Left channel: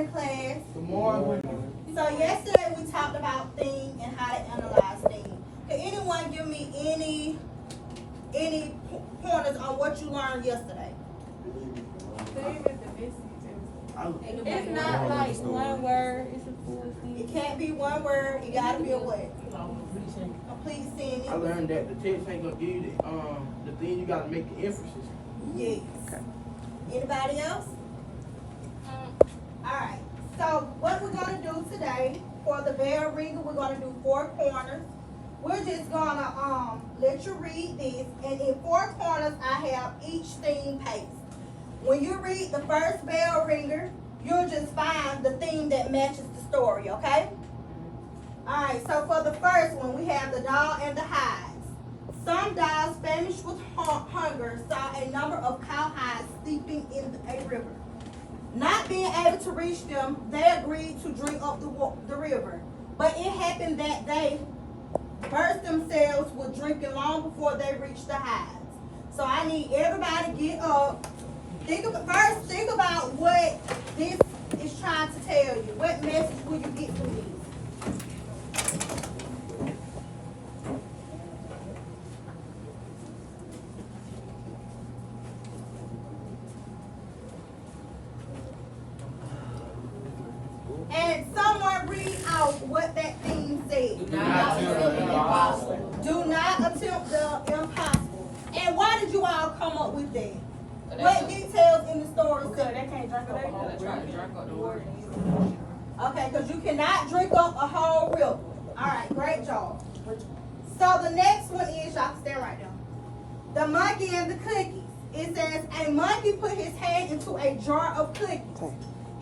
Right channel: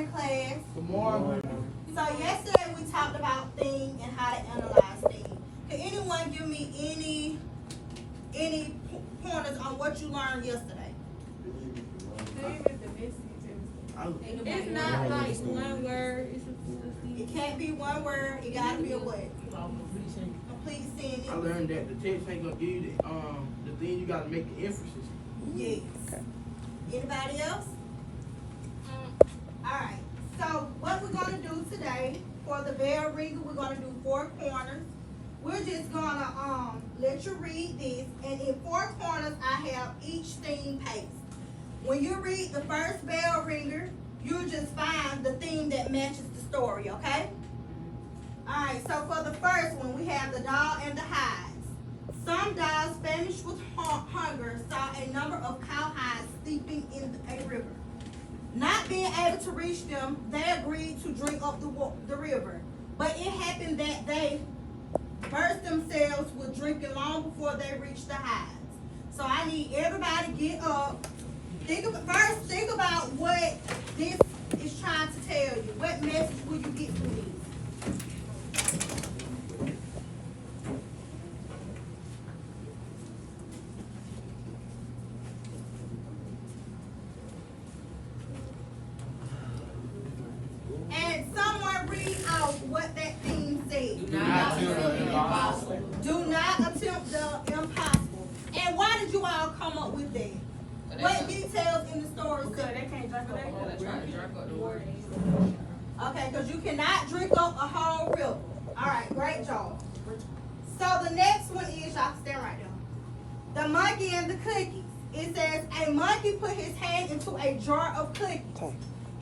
morning, class. Good morning. So yesterday we talked about theme and how to analyze theme. Can anyone give me any pointers on what you learned yesterday? It's not like one word, it's a full It thing. can't be one word. It gotta be a what? Complete sentence. I learned that the text ain't gonna give you the thing. You gotta make the emphasis. Yes. Anybody else? All right. So what we're gonna do today for the bell ringer, we're gonna do 4 corners. We're just gonna let you read this, and in 4 corners I have each theme paste. When you read the first bell ringer, you'll just find the theme that matches the story, okay? All right, so for the first one, we have the dog and the hides. Some dogs, famished with hunger, saw a number of cowhides sleeping in a river. Not being able to reach them, they agreed to drink up the river. But it happened that they burst themselves with drinking long before they reached the hides. So I need everybody to get up. Think about what this is trying to tell you. What message will you get from this? And someone read out what that thing said. Do not attempt the impossible. Do not attempt the impossible. And why did you all come up with that? What details in the story Because say? they can't drink up the whole river. Okay, because you cannot drink up a whole river. All right, great job. So the next one is, y'all can stand right now. The monkey and the cookies. It says, a monkey put his hand into a jar of cookies.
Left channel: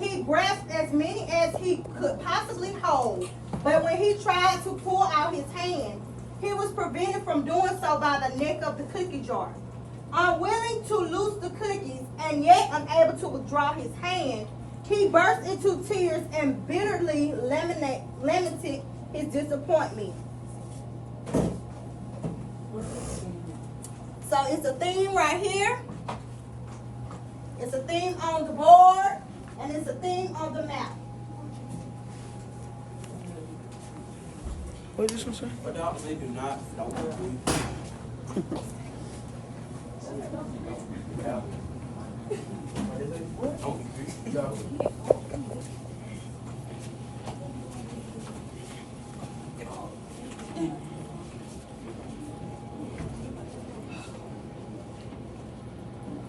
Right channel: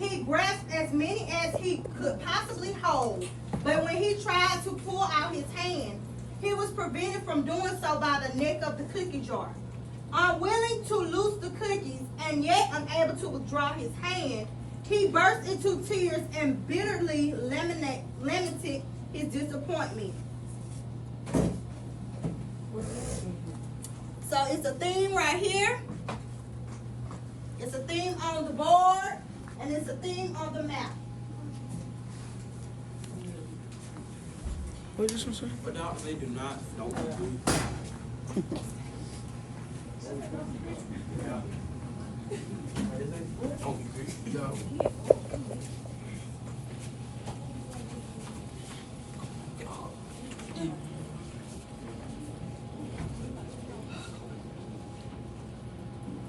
He grasped as many as he could possibly hold, but when he tried to pull out his hand, he was prevented from doing so by the neck of the cookie jar. Unwilling to loose the cookies and yet unable to withdraw his hand, he burst into tears and bitterly lamented his disappointment. So it's a theme right here. It's a theme on the board. And it's a theme on the map. What did this one say? But dogs, they do not know what to do.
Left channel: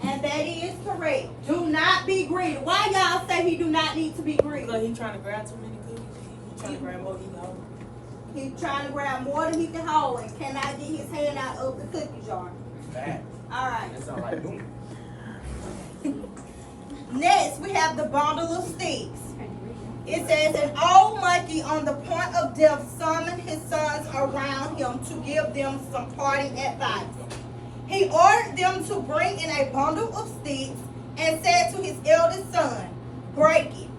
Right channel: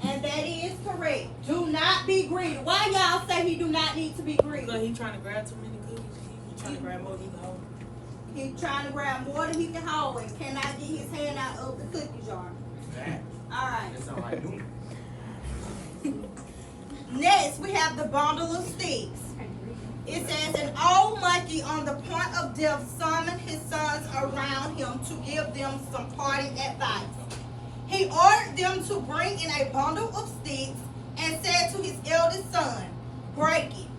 And that is correct. Do not be greedy. Why y'all say he do not need to be greedy? Because he trying to grab too many cookies. He trying to grab more than he can hold. He's trying to grab more than he can hold and cannot get his hand out of the cookie jar. Bad. All right. That sound like doom. Next, we have the bundle of sticks. It says, an old monkey on the point of death summoned his sons around him to give them some parting advice. He ordered them to bring in a bundle of sticks and said to his eldest son, break it.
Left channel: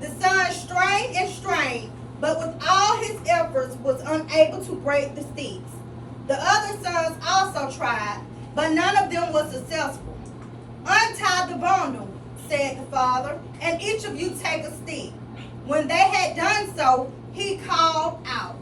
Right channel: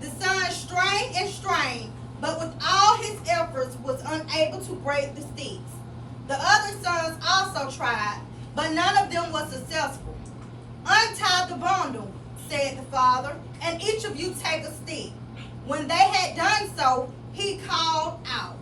The son strained and strained, but with all his efforts was unable to break the sticks. The other sons also tried, but none of them was successful. Untie the bundle, said the father, and each of you take a stick. When they had done so, he called out,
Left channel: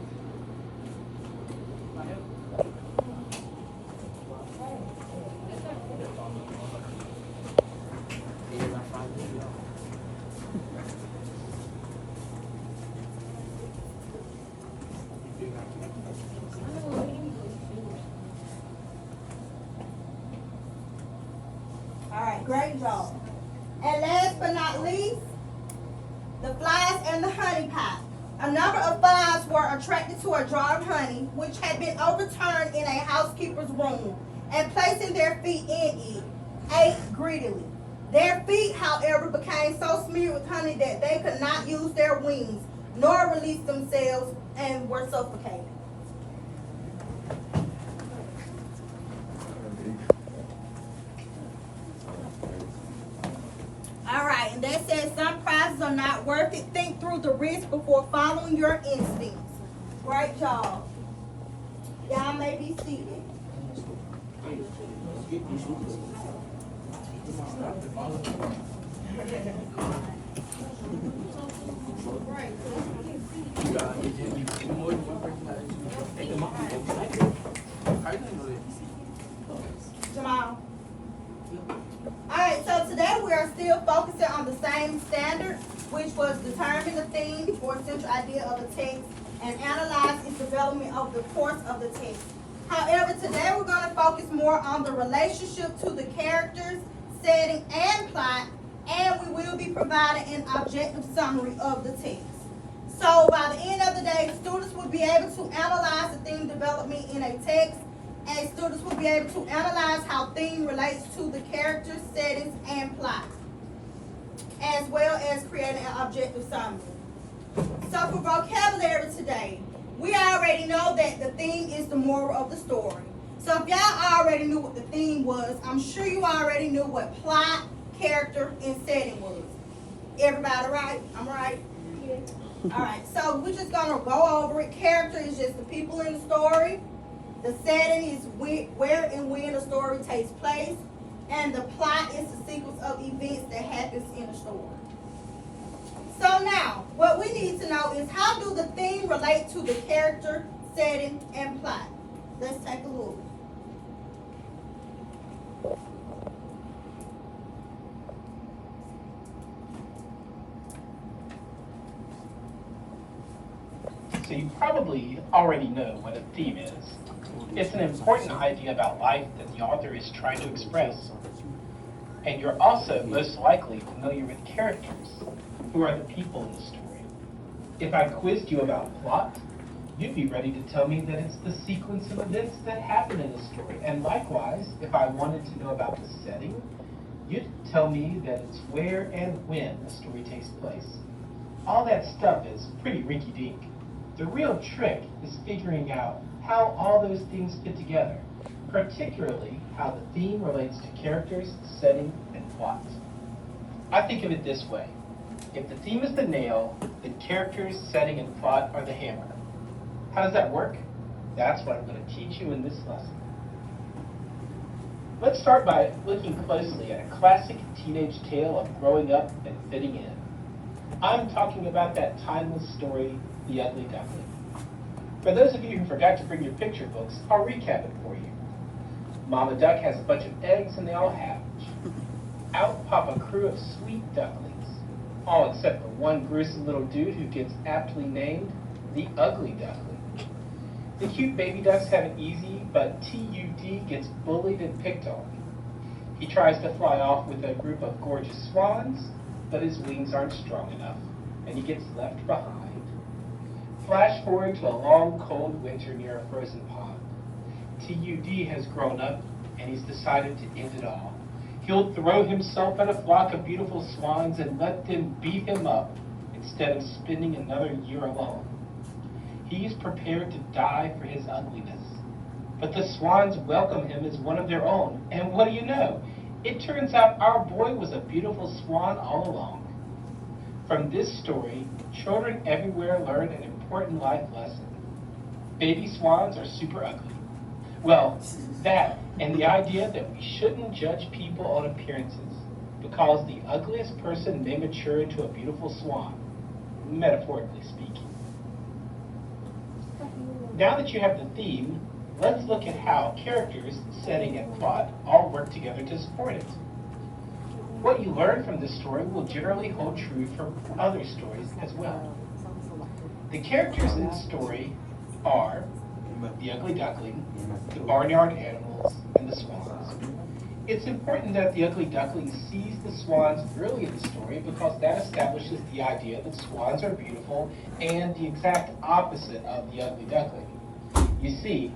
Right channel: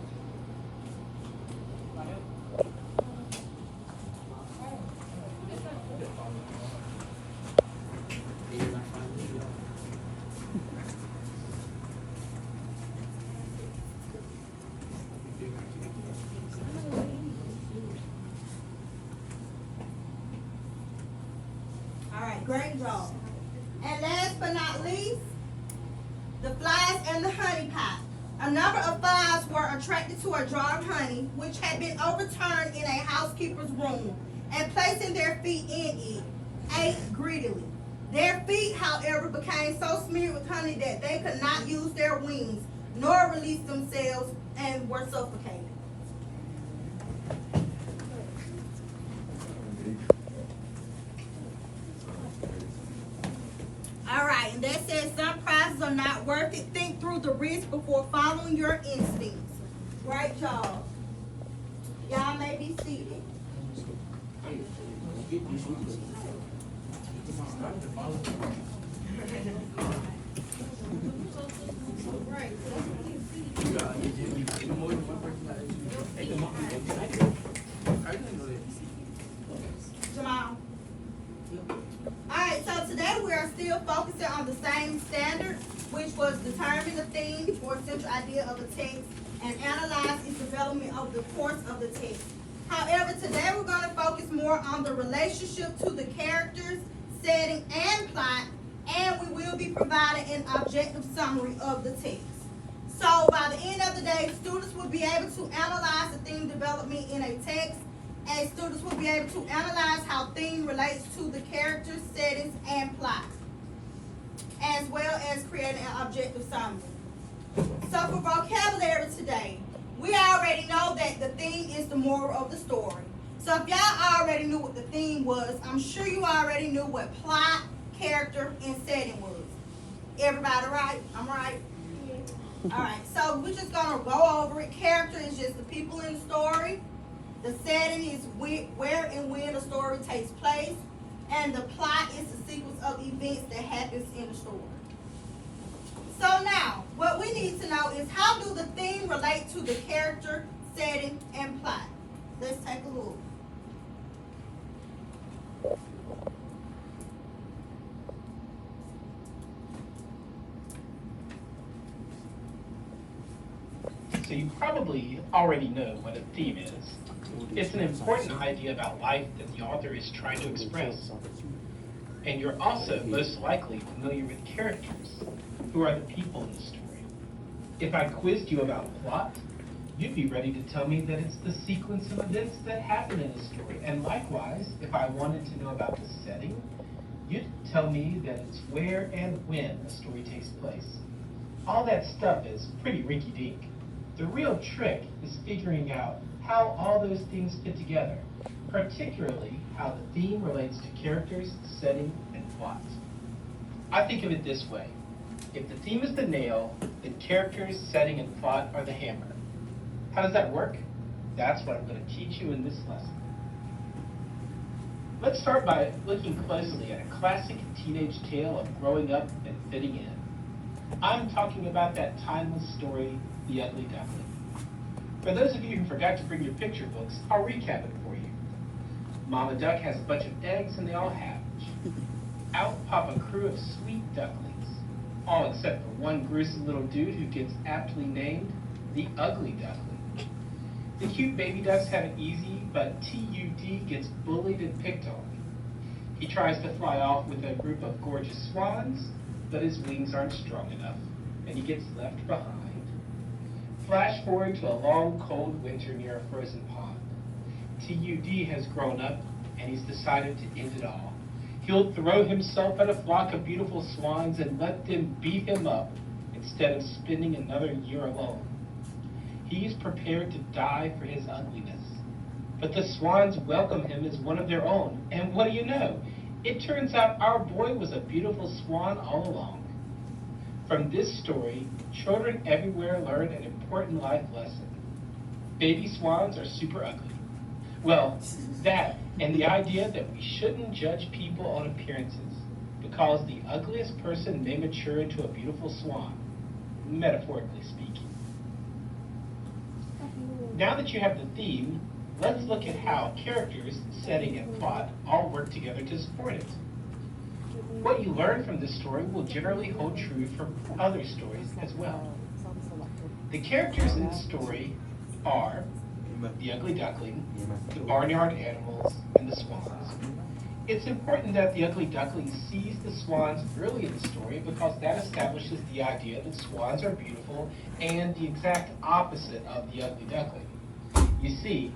all right, great job. And last but not least, the flies and the honey pot. A number of flies were attracted to a jar of honey, which had been overturned in a housekeeper's room, and placing their feet in it, ate greedily. Their feet, however, became so smeared with honey that they could not use their wings, nor release themselves, and were suffocated. All right, and that says some prizes are not worth it. Think through the risk before following your instincts. Great job. Y'all may be seated. More than one personality. I didn't know that. Jamal. Alright, so today we are still focusing on the same standard, which was determine the theme or central idea of a text and analyze its development over the course of the text. However, today we're going to focus more on the relationship to the characters, setting, and plot, and we will be providing an objective summary of the text. So by the end of the day, students will be able to analyze the theme development in a text, and students will be able to analyze how theme relates to the characters, settings, and plot, as well as creating an objective summary. So for vocabulary today, we already know that the theme is the moral of the story. So if y'all already knew what the theme was, I'm sure you already knew what plot, character, and setting was. Everybody right? I'm right? Alright, so we're just gonna go over it. Character is just the people in the story. The setting is where and when the story takes place. And the plot is the sequence of events that happens in the story. So now, what we need to know is how do the theme relate to the character, setting, and plot? Let's take a look. So you probably already know what a theme is. It's an important idea about life that the author is trying to express. And you're also most likely familiar with characters, who are the people in the story. If I quizzed you about plot, you'd be ready to tell me that it's the sequence of events that happen in a story. And likewise, if I wanted to know about the setting, you'd tell me that it's where and when a story takes place. All that stuff is pretty rinky-dink. The real trick is figuring out how all those things fit together, particularly how the theme relates to characters, setting, and plot. I think of it this way. If the theme is the nail, the characters, setting, and plot are the hammer. How does that work? That's what I'm going to teach you in this lesson. Let's start by looking closely at a classic teenage tale of growing up and fitting in. I'm talking about that timeless story, The Ugly Duckling. For those of you who forgot to bring your picture books, I'll recap it for you. Mama Duck has a bunch of eggs and they all hatch. Out pop a crew of sweet ducklings, all except for one gruesome little dude who gets aptly named the Ugly Duckling. The cute baby ducks have it easy, but TUD gets bullied and picked on. He tries to fly off with a group of gorgeous swans, but his wings aren't strong enough, and he gets left behind. Flash forward to a long, cold winter near a frozen pond. TUD has grown up, and he's decided to end it all. He'll throw himself at a flock of beautiful swans and let them beat him up instead of spending another year alone. He is prepared to die for his ugliness. But the swans welcome him as one of their own, and what do you know? It turns out our boy was a beautiful swan all along. From this story, children everywhere learn an important life lesson. Baby swans are super ugly. Well, that and the idea that we shouldn't judge people on appearances because the ugliest person may mature into a beautiful swan, metaphorically speaking. Now that you have the theme, let's look at how characters, setting, and plot all work together to support it. What you learn from this story will generally hold true for other stories as well. The characters in the story are the Ugly Duckling, the barnyard animals, and the swans. It's important that the Ugly Duckling sees the swans early in the story because that establishes the idea that swans are beautiful and the exact opposite of the Ugly Duckling. You see,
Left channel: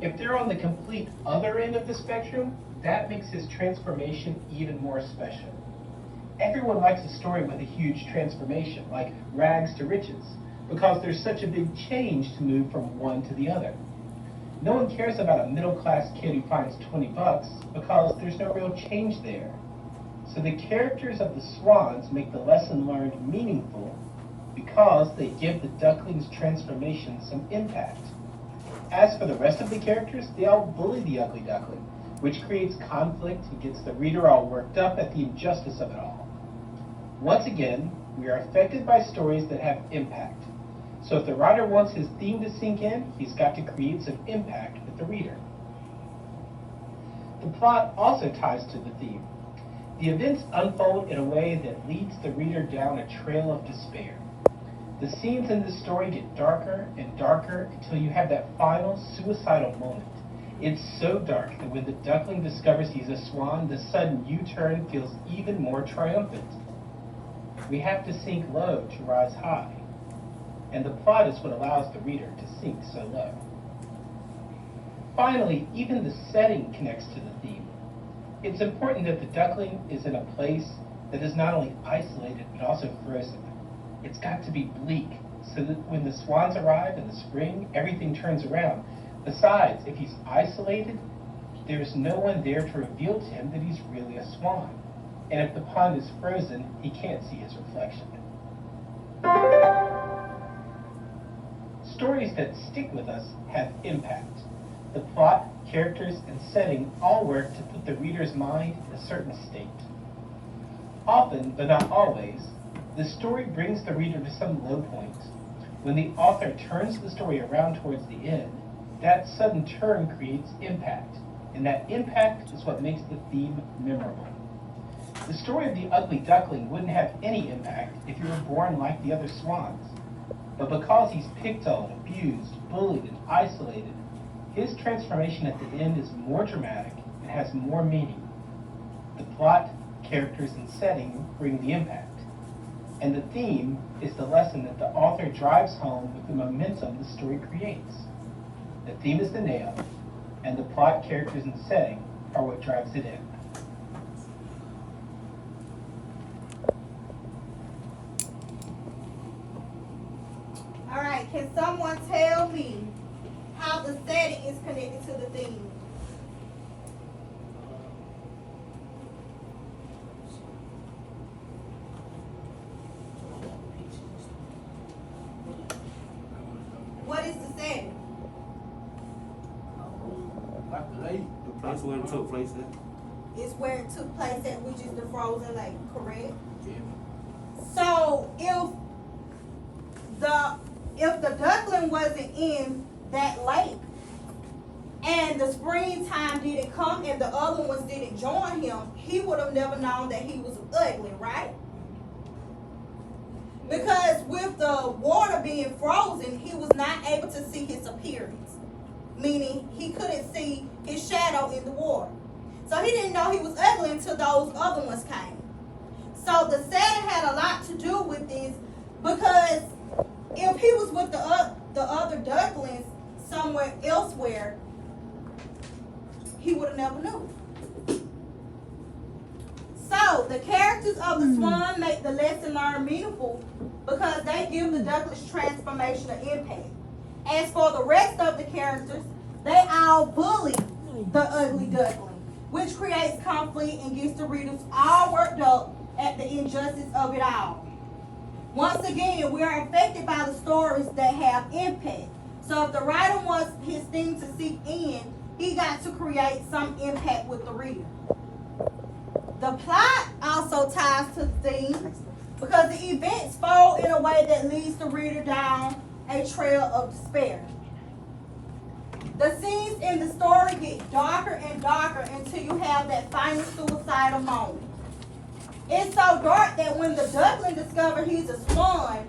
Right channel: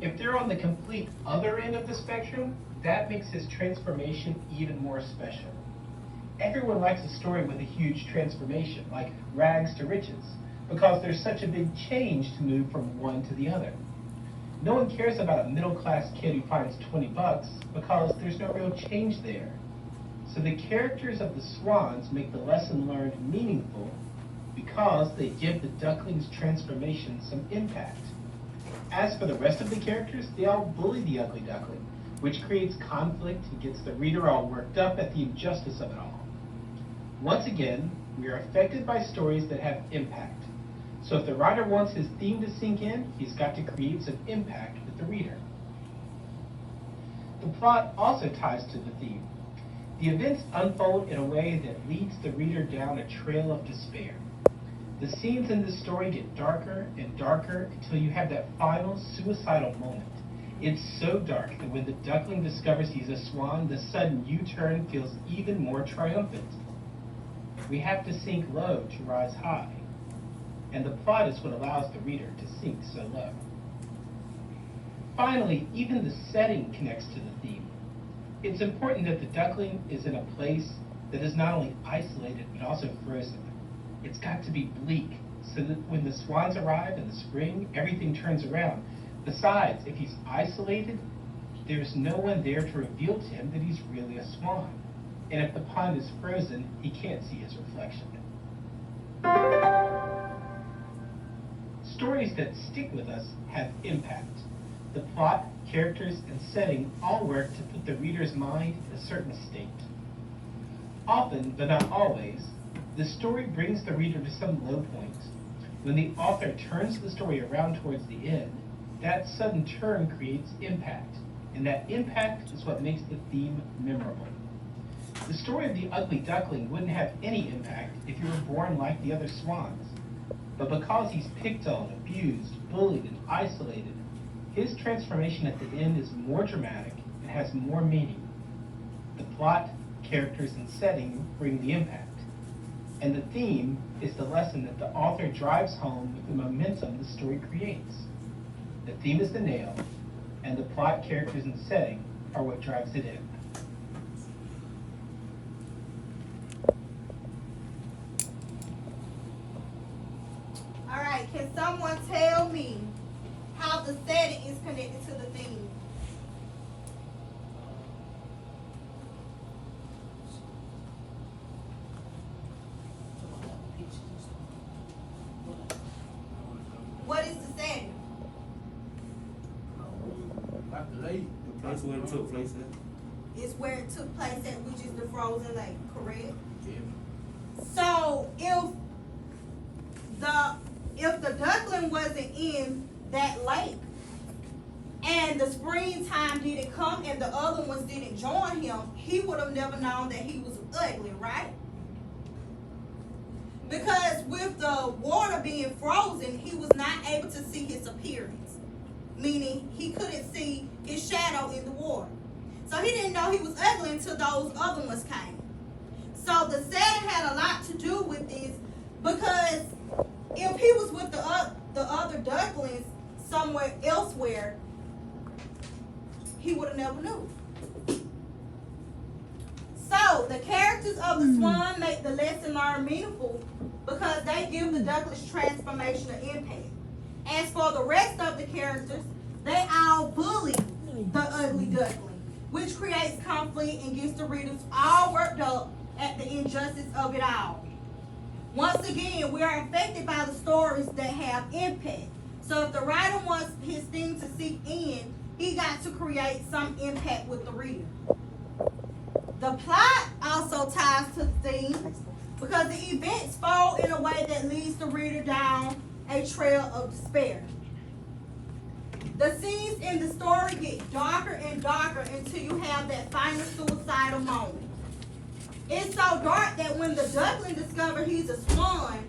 if they're on the complete other end of the spectrum, that makes his transformation even more special. Everyone likes a story with a huge transformation, like rags to riches, because there's such a big change to move from one to the other. No one cares about a middle-class kid who finds 20 bucks because there's no real change there. So the characters of the swans make the lesson learned meaningful because they give the duckling's transformation some impact. As for the rest of the characters, they all bully the Ugly Duckling, which creates conflict and gets the reader all worked up at the injustice of it all. Once again, we are affected by stories that have impact. So if the writer wants his theme to sink in, he's got to create some impact with the reader. The plot also ties to the theme. The events unfold in a way that leads the reader down a trail of despair. The scenes in the story get darker and darker until you have that final suicidal moment. It's so dark that when the duckling discovers he's a swan, the sudden U-turn feels even more triumphant. We have to sink low to rise high, and the plot is what allows the reader to sink so low. Finally, even the setting connects to the theme. It's important that the duckling is in a place that is not only isolated but also frozen. It's got to be bleak, so that when the swans arrive in the spring, everything turns around. Besides, if he's isolated, there's no one there to reveal to him that he's really a swan. And if the pond is frozen, he can't see his reflection. Stories that stick with us have impact. The plot, characters, and setting all work to put the reader's mind in a certain state. Often, but not always, the story brings the reader to some low point. When the author turns the story around towards the end, that sudden turn creates impact, and that impact is what makes the theme memorable. The story of the ugly duckling wouldn't have any impact if he were born like the other swans. But because he's picked on, abused, bullied, and isolated, his transformation at the end is more dramatic and has more meaning. The plot, characters, and setting bring the impact. And the theme is the lesson that the author drives home with the momentum the story creates. The theme is the nail, and the plot, characters, and setting are what drives it in. All right, can someone tell me how the setting is connected to the theme? What is the setting? Like the lake, the place where it took place at. It's where it took place at, which is the frozen lake, correct? Yeah. So if the duckling wasn't in that lake and the springtime didn't come and the other ones didn't join him, he would have never known that he was ugly, right? Because with the water being frozen, he was not able to see his appearance, meaning he couldn't see his shadow in the water. So he didn't know he was ugly until those other ones came. So the setting had a lot to do with this, because if he was with the other ducklings somewhere elsewhere, he would have never known. So the characters of the swan make the lesson learned meaningful because they give the duckling's transformation an impact. As for the rest of the characters, they all bully the ugly duckling, which creates conflict and gets the readers all worked up at the injustice of it all. Once again, we are affected by the stories that have impact. So if the writer wants his theme to sink in, he got to create some impact with the reader. The plot also ties to the theme because the events fold in a way that leads the reader down a trail of despair. The scenes in the story get darker and darker until you have that final suicidal moment. It's so dark that when the duckling discovers he's a swan,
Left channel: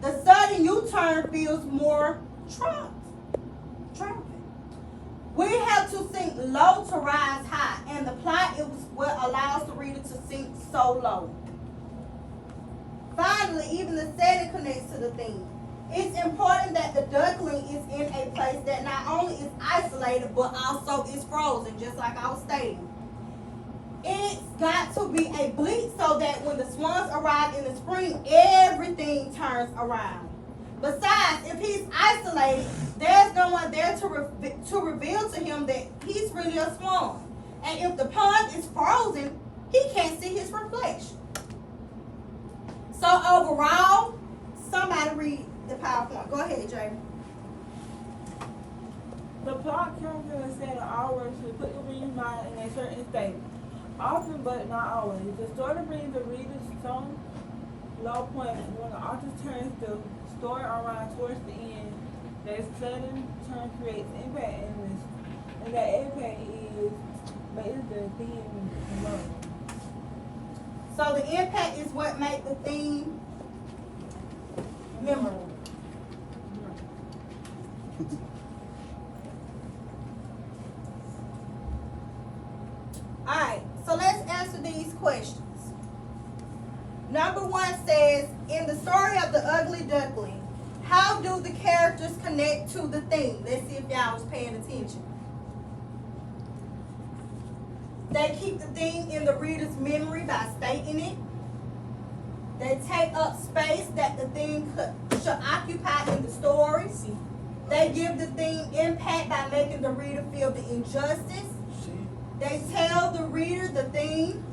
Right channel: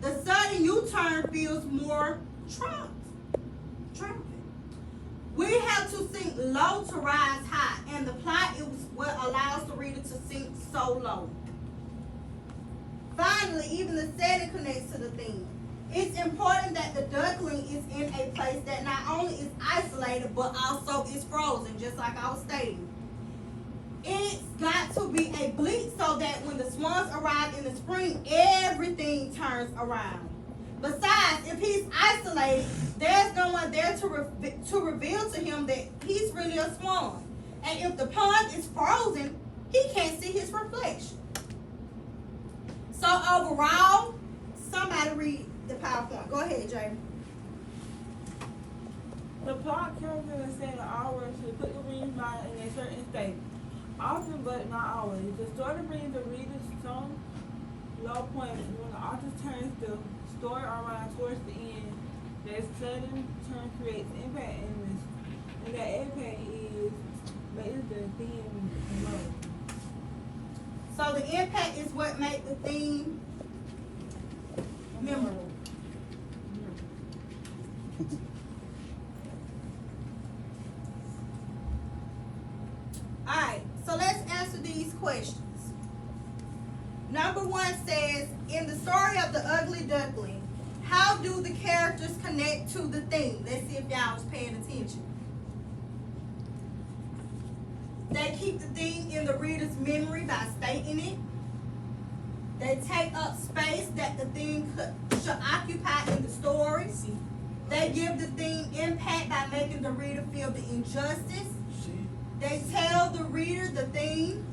the sudden U-turn feels more triumphant. We have to sink low to rise high, and the plot is what allows the reader to sink so low. Finally, even the setting connects to the theme. It's important that the duckling is in a place that not only is isolated, but also is frozen, just like I was stating. It's got to be a bleak so that when the swans arrive in the spring, everything turns around. Besides, if he's isolated, there's no one there to reveal to him that he's really a swan. And if the pond is frozen, he can't see his reflection. So overall, somebody read the PowerPoint. Go ahead, Jamie. The plot comes in a set of hours to put the reader's mind in a certain state. Often, but not always, the story brings the reader's tone low point when the author turns the story around towards the end. That sudden turn creates impact and that impact is the theme alone. So the impact is what makes the theme memorable. Alright, so let's answer these questions. Number 1 says, in the story of the Ugly Duckling, how do the characters connect to the theme? Let's see if y'all was paying attention. They keep the theme in the reader's memory by stating it. They take up space that the theme should occupy in the story. They give the theme impact by making the reader feel the injustice. They tell the reader the theme.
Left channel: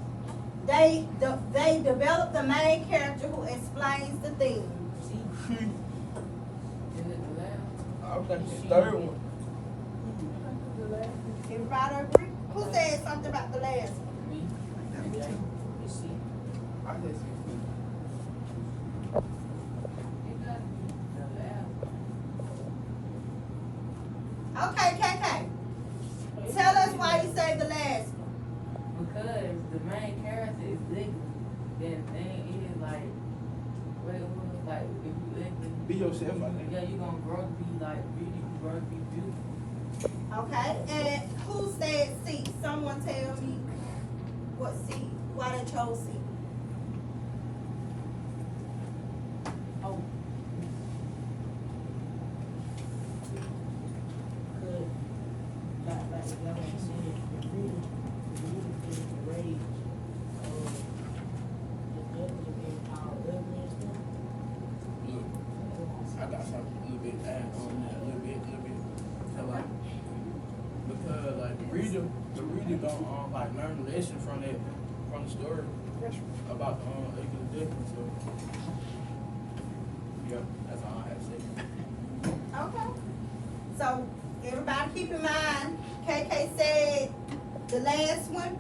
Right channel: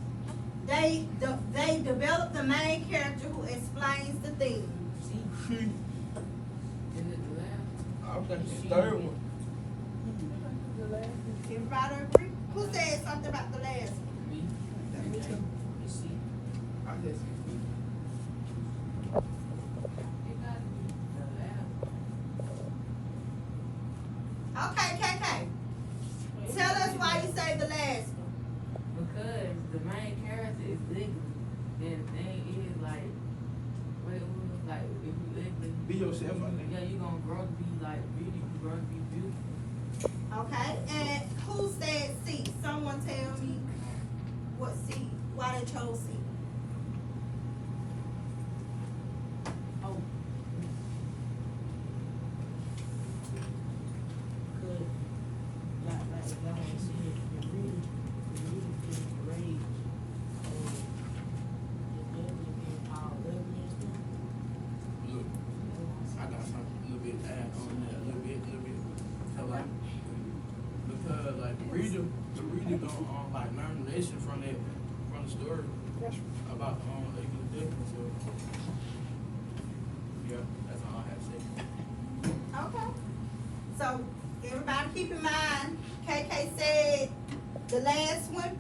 They develop the main character who explains the theme. I was thinking the third one. Everybody agree? Who said something about the last one? Me. I just Okay, KK. Tell us why you say the last one. Because the main character is ugly. Then the thing is like, like if you ugly, be yourself, I think. yeah, you gonna grow to be like beauty, you grow to be beautiful. Okay, and who said C? Someone tell me what C, why they chose C. Oh. Good. Like y'all was saying, the reader feels the rage of the devil being powered ugly and stuff. Look, I got something a little bit to add on that, a little bit. So like, because like the reader don't like learn the lesson from the story about the ugly difference. So yeah, that's all I have to say. Okay. So everybody keep in mind, KK said the last one,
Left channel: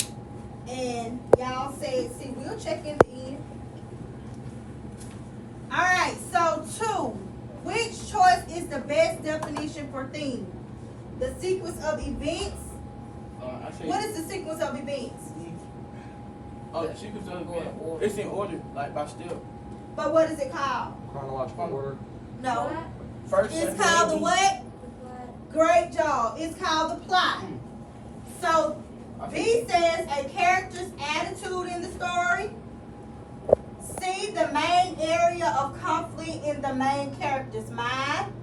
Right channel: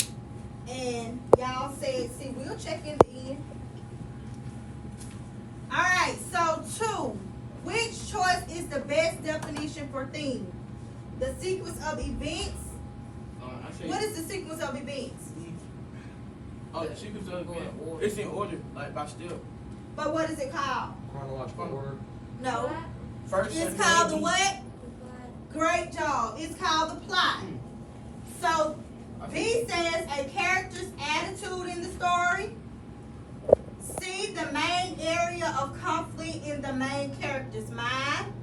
and y'all said C. We'll check in the end. All right. So 2. Which choice is the best definition for theme? The sequence of events. I say. What is the sequence of events? Oh, the sequence of events. It's in order, like by step. But what is it called? Chronological order. No. First, It's second, called the third. what? Great job. It's called the plot. So B says a character's attitude in the story. C, the main area of conflict in the main character's mind.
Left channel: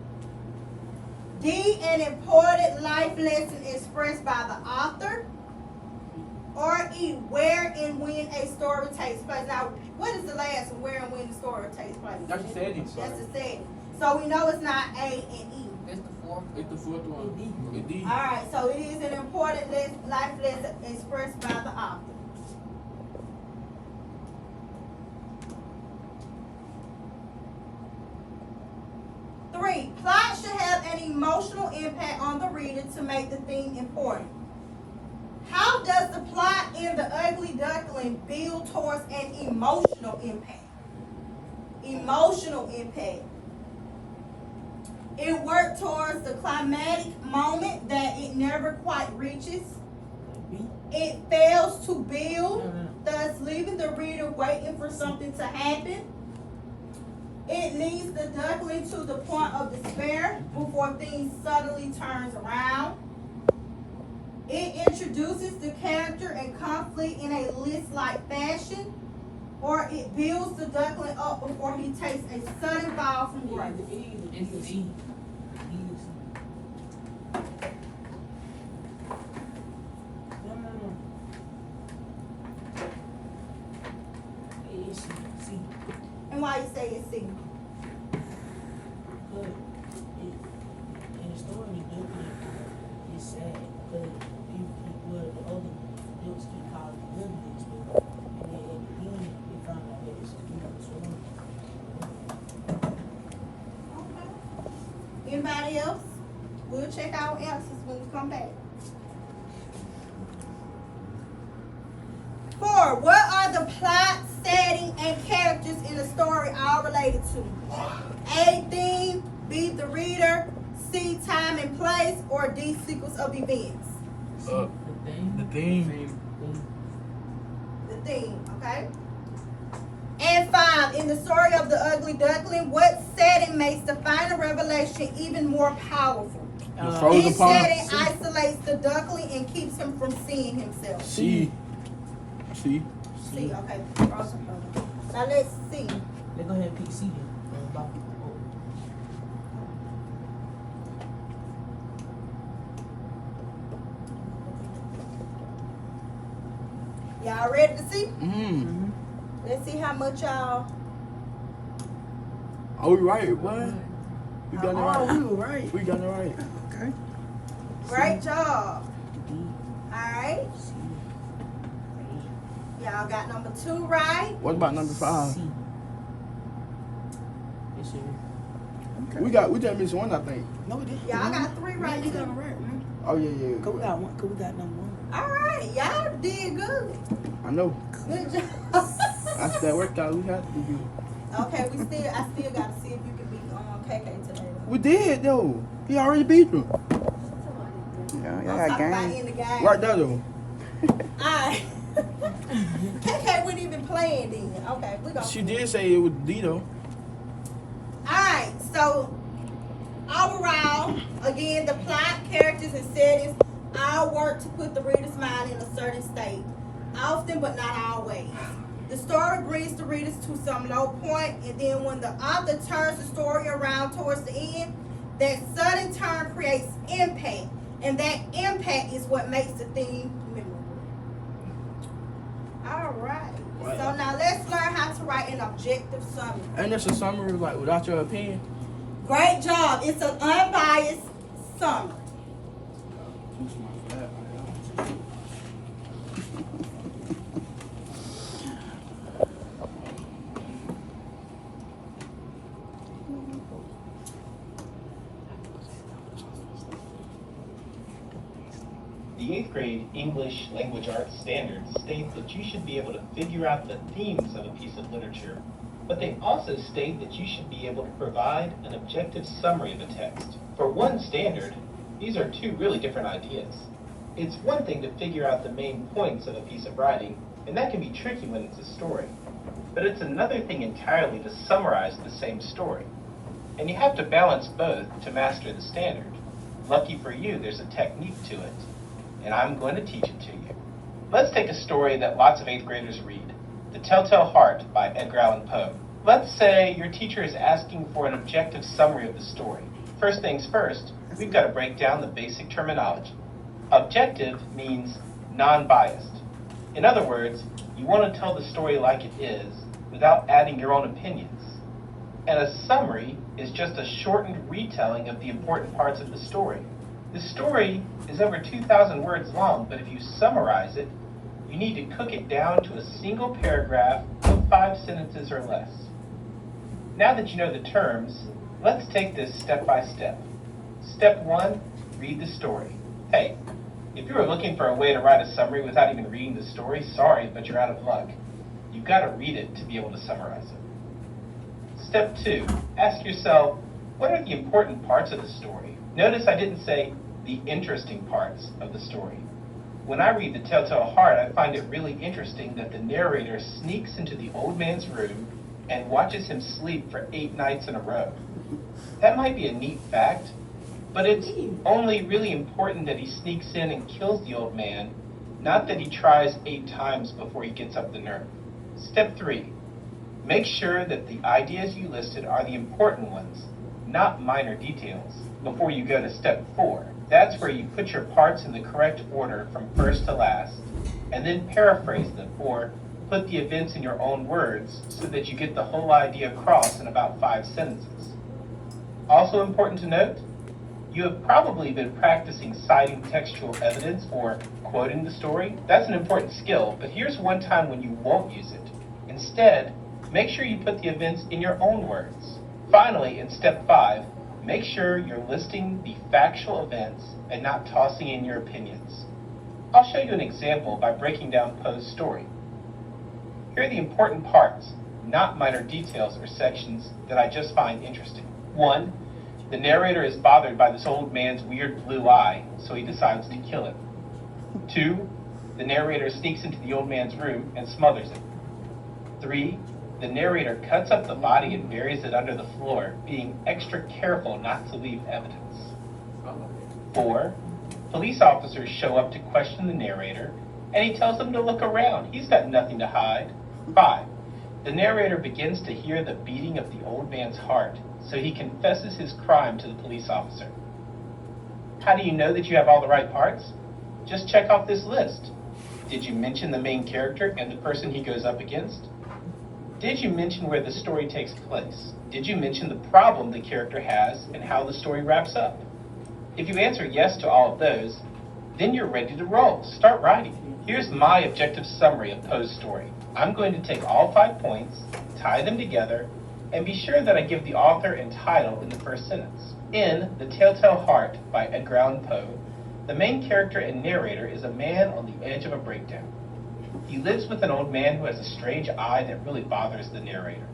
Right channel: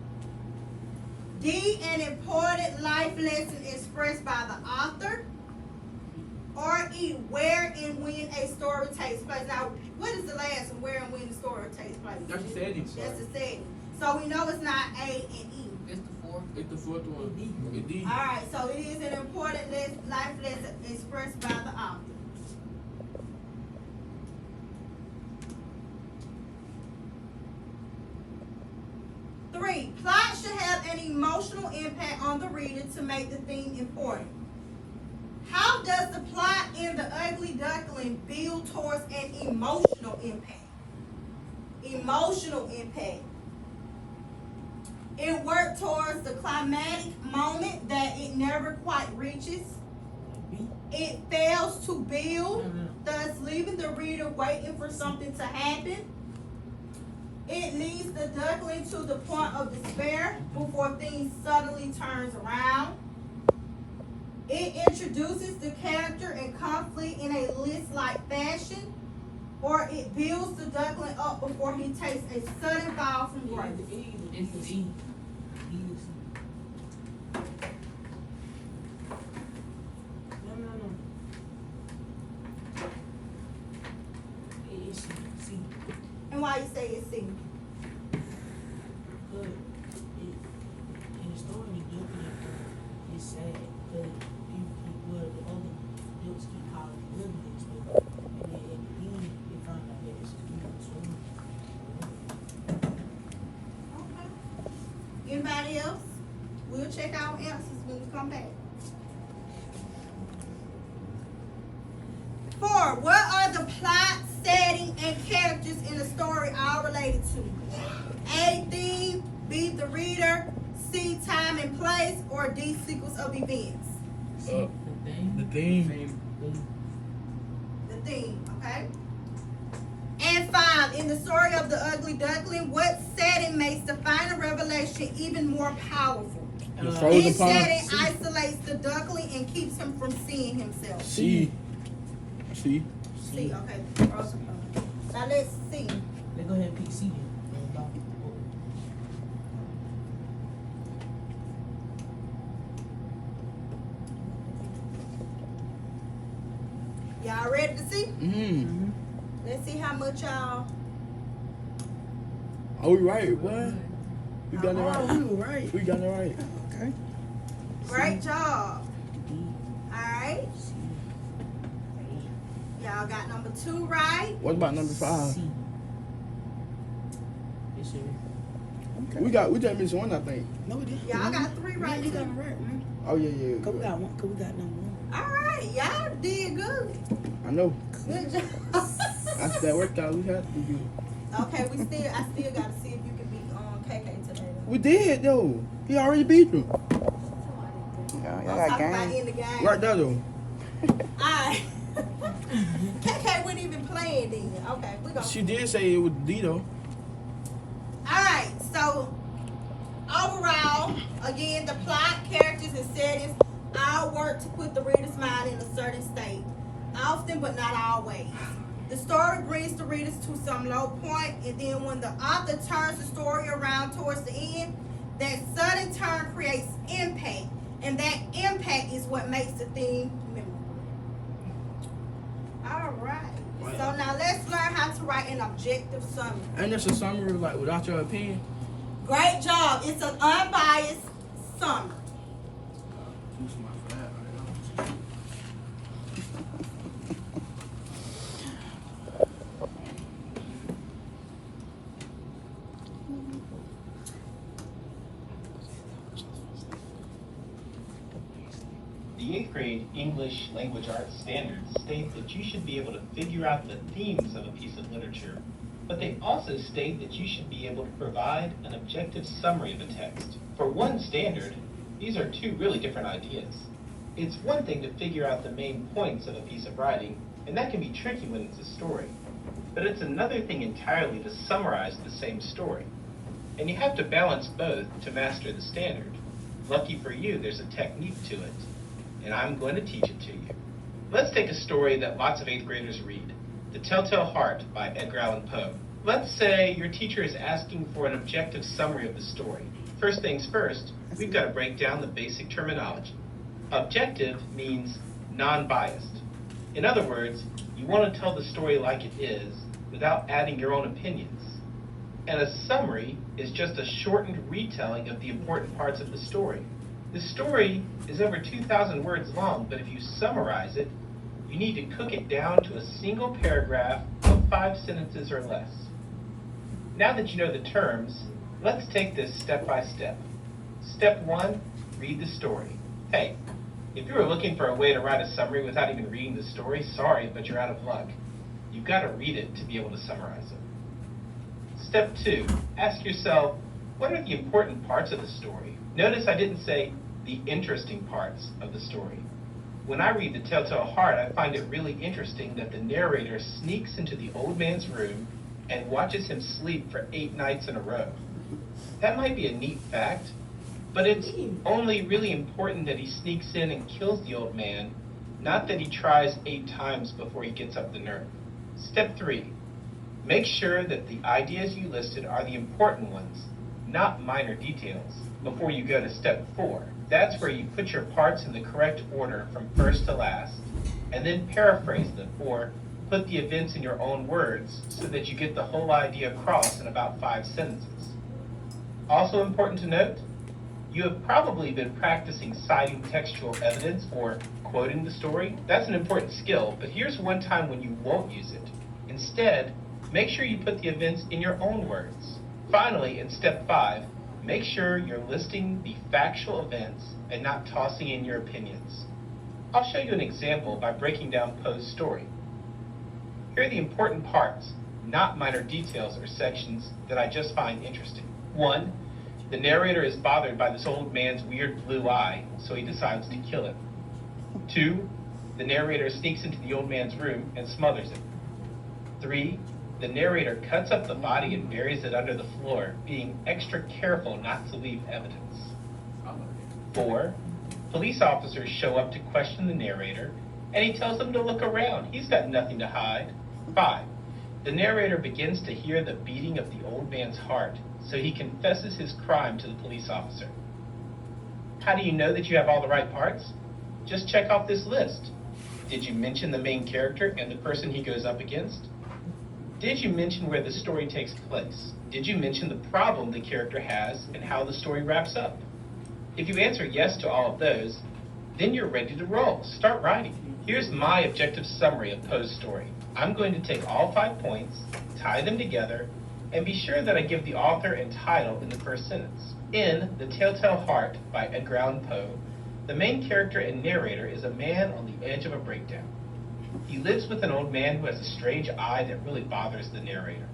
D, an important life lesson expressed by the author. Or E, where and when a story takes place. Now, what is the last one? Where and when the story takes place? That's the setting. That's the setting. So we know it's not A and E. It's the fourth. It's the fourth one. It's D. All right, so it is an important life lesson expressed by the author. Three, plot should have an emotional impact on the reader to make the theme important. How does the plot in The Ugly Duckling build towards an emotional impact? Emotional impact. It worked towards the climatic moment that it never quite reaches. It fails to build, thus leaving the reader waiting for something to happen. It leads the duckling to the point of despair before things suddenly turns around. It introduces the character and conflict in a list-like fashion, or it builds the duckling up before he takes a sudden fall from grace. It's D. No. It's C. And why you say it's C? Good. In the story, the duckling is sad because the other ducks keep calling it ugly and stuff. And then at the end, they found out that it's a swarm. Okay. Anybody else? We'll check our answers when we come back. 4, what are the plots setting, and characters in the story all related to? A, theme, B, the reader, C, time and place, or D, sequence of events? The theme. The theme, okay? And 5, in the story of the Ugly Duckling, what setting makes the final revelation even more powerful? The frozen This pond. setting isolates the duckling and keeps him from seeing himself. C. See, okay. Frozen pond. Now let's see. Let's go ahead and pick C then. Y'all ready to see? Mm-hmm. Let's see how much y'all. Oh, we right, what? We got it Oh, right. we were right. We got it right. Okay. Great job. Alright. Y'all got number 2 right. What about number 5? C. Yes, sir. We just missed one, I think. No, we didn't. Y'all got 3 right You too. got it right, man. Oh yeah. Cause we got one. Cause we got number 1. Alright, y'all did good. I know. Good job. After that workout, we had to do good. Okay, I still gotta see if you can beat KK today though. We did though. He already beat him. I'm talking about in the game. Right there though. Alright. KK wasn't even playing then. Okay, we go. She did say it was D though. Alright, so overall, again, the plot, characters, and settings all work to put the reader's mind in a certain state, often but not always. The story brings the readers to some low point, and then when the author turns the story around towards the end, that sudden turn creates impact, and that impact is what makes the theme memorable. Alright, so now let's learn how to write an objective summary. And that's a summary like without your opinion. Great job. It's an unbiased summary. Too smart for that. The 8th grade English Language Arts standards state that you should be able to figure out the themes of a piece of literature, but they also state that you should be able to provide an objective summary of a text. For one standard, these are 2 really different ideas. It's one thing to figure out the main points of a piece of writing, and that can be tricky when it's a story. But it's another thing entirely to summarize the same story. And you have to balance both to master the standard. Lucky for you, there's a technique to it, and I'm going to teach it to you. Let's take a story that lots of 8th graders read, The Telltale Heart by Edgar Allan Poe. Let's say your teacher is asking for an objective summary of the story. First things first, we've got to break down the basic terminology. Objective means non-biased. In other words, you want to tell the story like it is without adding your own opinions. And a summary is just a shortened retelling of the important parts of the story. The story is over 2,000 words long, but if you summarize it, you need to cook it down to a single paragraph of 5 sentences or less. Now that you know the terms, let's take this step by step. Step 1, read the story. Hey, if you were looking for a way to write a summary without even reading the story, sorry, but you're out of luck. You've got to read it to be able to summarize it. Step 2, ask yourself, what are the important parts of the story? Notice I didn't say the interesting parts of the story. When I read The Telltale Heart, I find it really interesting that the narrator sneaks into the old man's room and watches him sleep for 8 nights in a row. That might be a neat fact, but it's only really important that he sneaks in and kills the old man, not that he tries 8 times before he gets up the nerve. Step 3, make sure that the ideas you listed are the important ones, not minor details. Before you go to step 4, that's where you put your parts in the correct order from first to last, and then paraphrase them, or put the events in your own words so that you get the whole idea across in about 5 sentences. Also important to note, you have probably been practicing citing textual evidence or quoting the story. That's an important skill, but here's one time when you won't use it. Instead, make sure you put the events in your own words. Finally, in step 5, make sure you're listing the factual events and not tossing in your opinions. I'll show you an example by breaking down Poe's story. Here are the important parts, not minor details or sections that I just find interesting. 1. The narrator is bothered by this old man's weird blue eye, so he decides to kill him. 2. The narrator sneaks into the old man's room and smothers him. 3. The narrator cuts up the body and buries it under the floor, being extra careful not to leave evidence. 4. Police officers show up to question the narrator, and he tells them to look around. He's got nothing to hide. 5. The narrator begins to hear the beating of the old man's heart, so he confesses his crime to the police officer. How do you know that you have all the right parts? Just check off this list. Did you mention the main character and the person he goes up against? Did you mention where the story takes place? Did you mention the problem the character has and how the story wraps up? If you answer yes to all of those, then you're ready to roll. Start writing. Here's my objective summary of Poe's story. I'm going to take all 5 points, tie them together, and be sure that I give the author and title in the first sentence. In The Telltale Heart by Edgar Allan Poe, the main character and narrator is a man on the edge of a breakdown. He lives with an old man who has a strange eye that really bothers the narrator.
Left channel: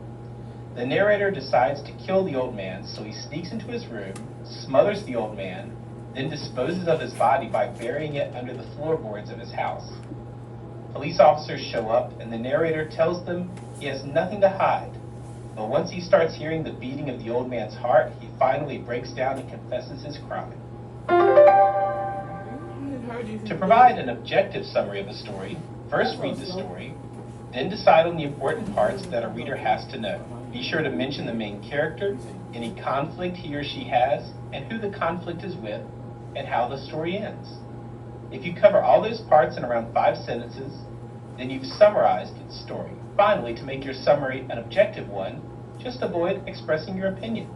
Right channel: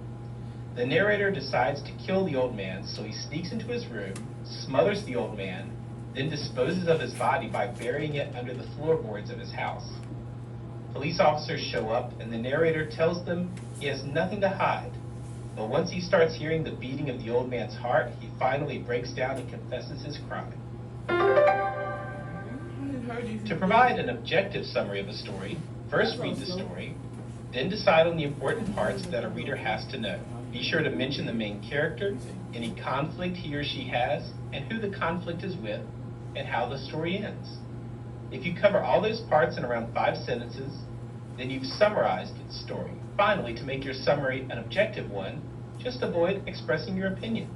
The narrator decides to kill the old man, so he sneaks into his room, smothers the old man, then disposes of his body by burying it under the floorboards of his house. Police officers show up, and the narrator tells them he has nothing to hide. But once he starts hearing the beating of the old man's heart, he finally breaks down and confesses his crime. To provide an objective summary of a story, first read the story, then decide on the important parts that a reader has to know. Be sure to mention the main character, any conflict he or she has, and who the conflict is with, and how the story ends. If you cover all those parts in around 5 sentences, then you've summarized the story. Finally, to make your summary an objective one, just avoid expressing your opinion.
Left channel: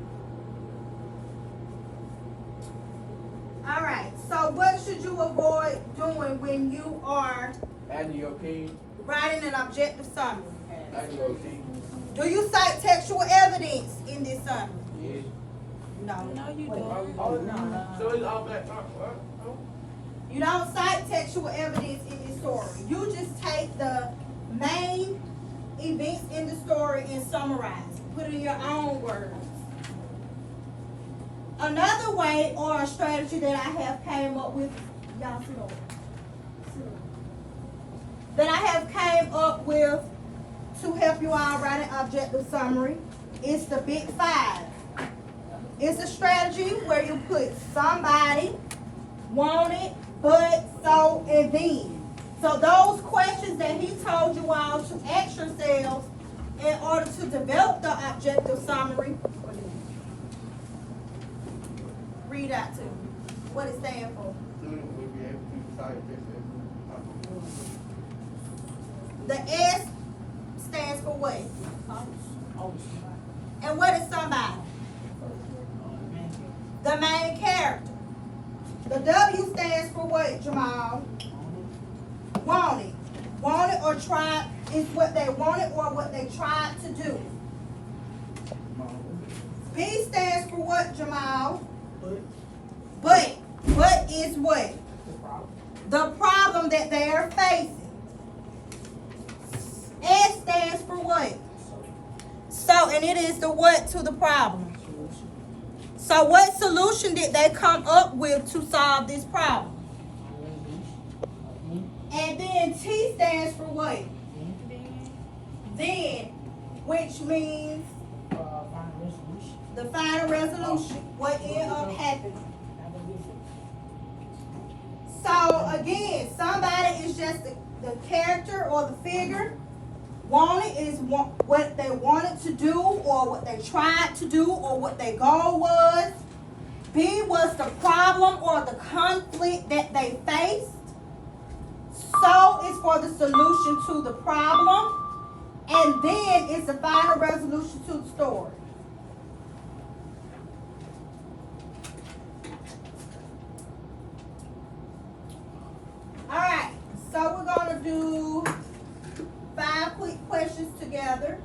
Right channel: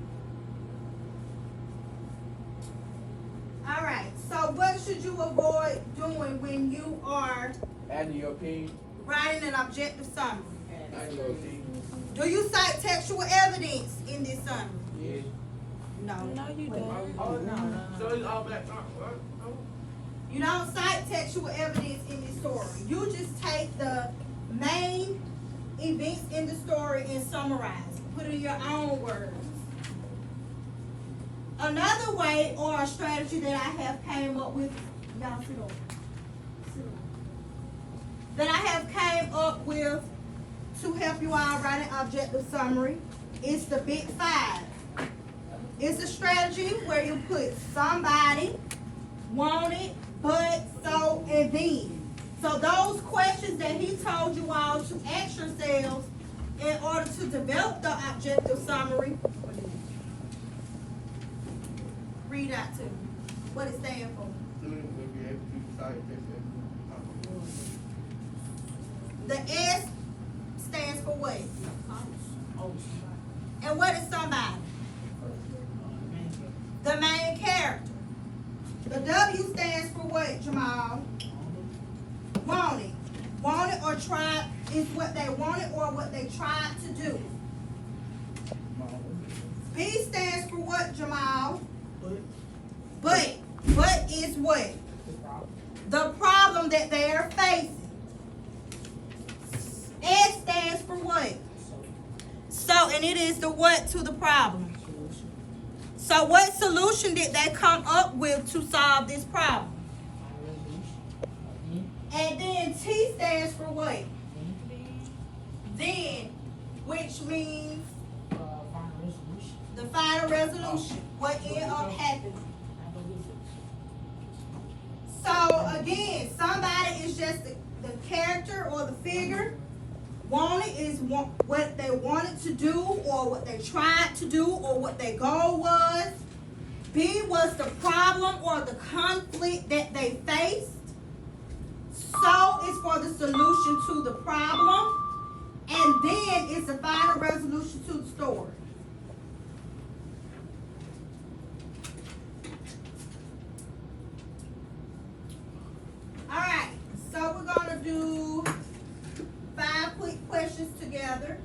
All right, so what should you avoid doing when you are Adding your opinion. writing an objective summary? Adding your opinion. Do you cite textual evidence in this summary? Yeah. No. No, you don't. Oh, no. So it's all back. You don't cite textual evidence in this story. You just take the main events in the story and summarize it. Put it in your own words. Another way or a strategy that I have came up with, y'all sit over. That I have came up with to help you all write an objective summary is the Big 5. It's a strategy where you put somebody, wanted, but, so, and then. So those questions that he told you all to ask yourselves in order to develop the objective summary, read out to me what it stands for. Student will be able to cite this The S stands for what? And what is somebody? The main character. The W stands for what, Jamal? Wanted. Wanted or tried is what they wanted or what they tried to do. B stands for what, Jamal? But is what? The problem that they are facing. S stands for what? So, and it is the what to the problem. So what solution did they come up with to solve this problem? And then T stands for what? Then, which means the final resolution. What ended up happening. So again, somebody is just the character or the figure. Wanted is what they wanted to do or what they tried to do or what their goal was. B was the problem or the conflict that they faced. So is for the solution to the problem. And then it's the final resolution to the story. Alright, so we're going to do 5 quick questions together.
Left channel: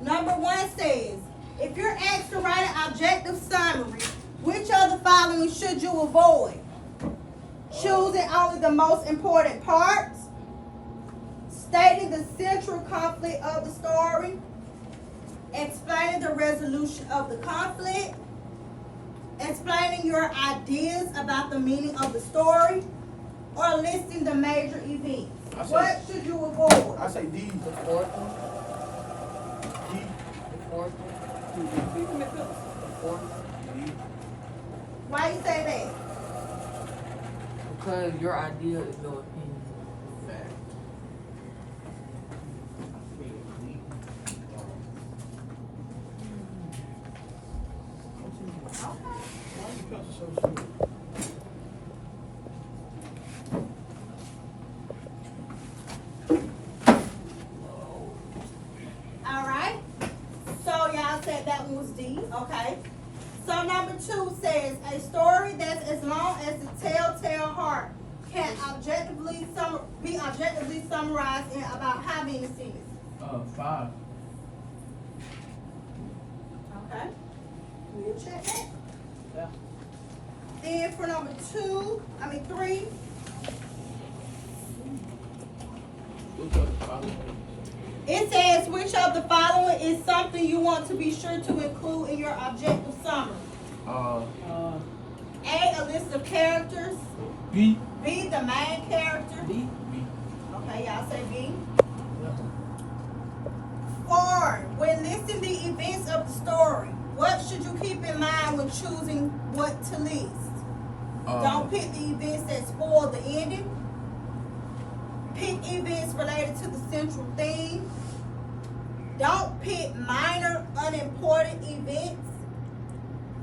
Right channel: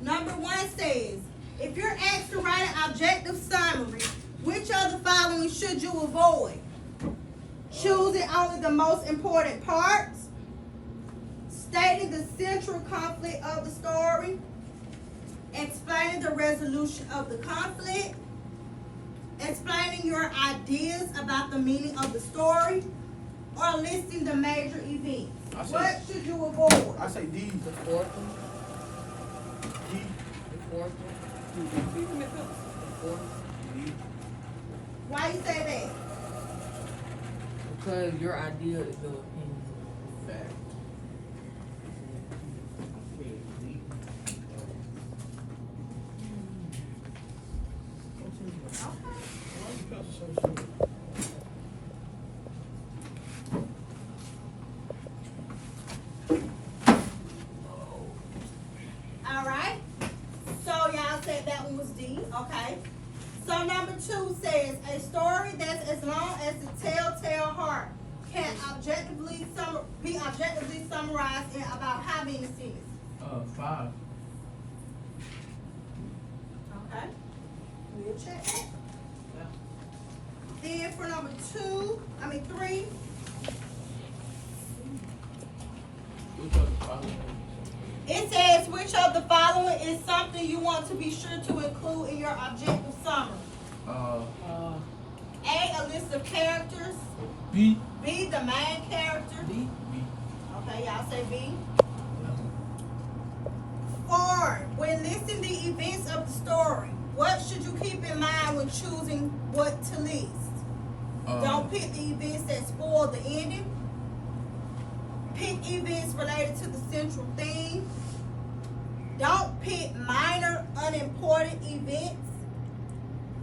Number 1 says, if you're asked to write an objective summary, which of the following should you avoid? choosing only the most important parts, stating the central conflict of the story, explaining the resolution of the conflict, explaining your ideas about the meaning of the story, or listing the major events. I say- What should you avoid? I say D. The fourth one, D. the fourth one, the fourth, D. Why you say that? because your idea is your opinion. Fact. D. All right. So y'all said that one was D. Okay. So number 2 says a story that's as long as the telltale heart can be objectively summarized in about how many sentences? 5. Okay. We'll check that. Yeah. Then for number 3, it says which of the following is something you want to be sure to include in your objective summary? A list of characters. B. B, the main character. D. B. Okay, y'all say B. Yeah. 4, when listing the events of the story, what should you keep in mind when choosing what to list? Don't pick the events that spoil the ending. Pick events related to the central theme. Don't pick minor, unimportant events.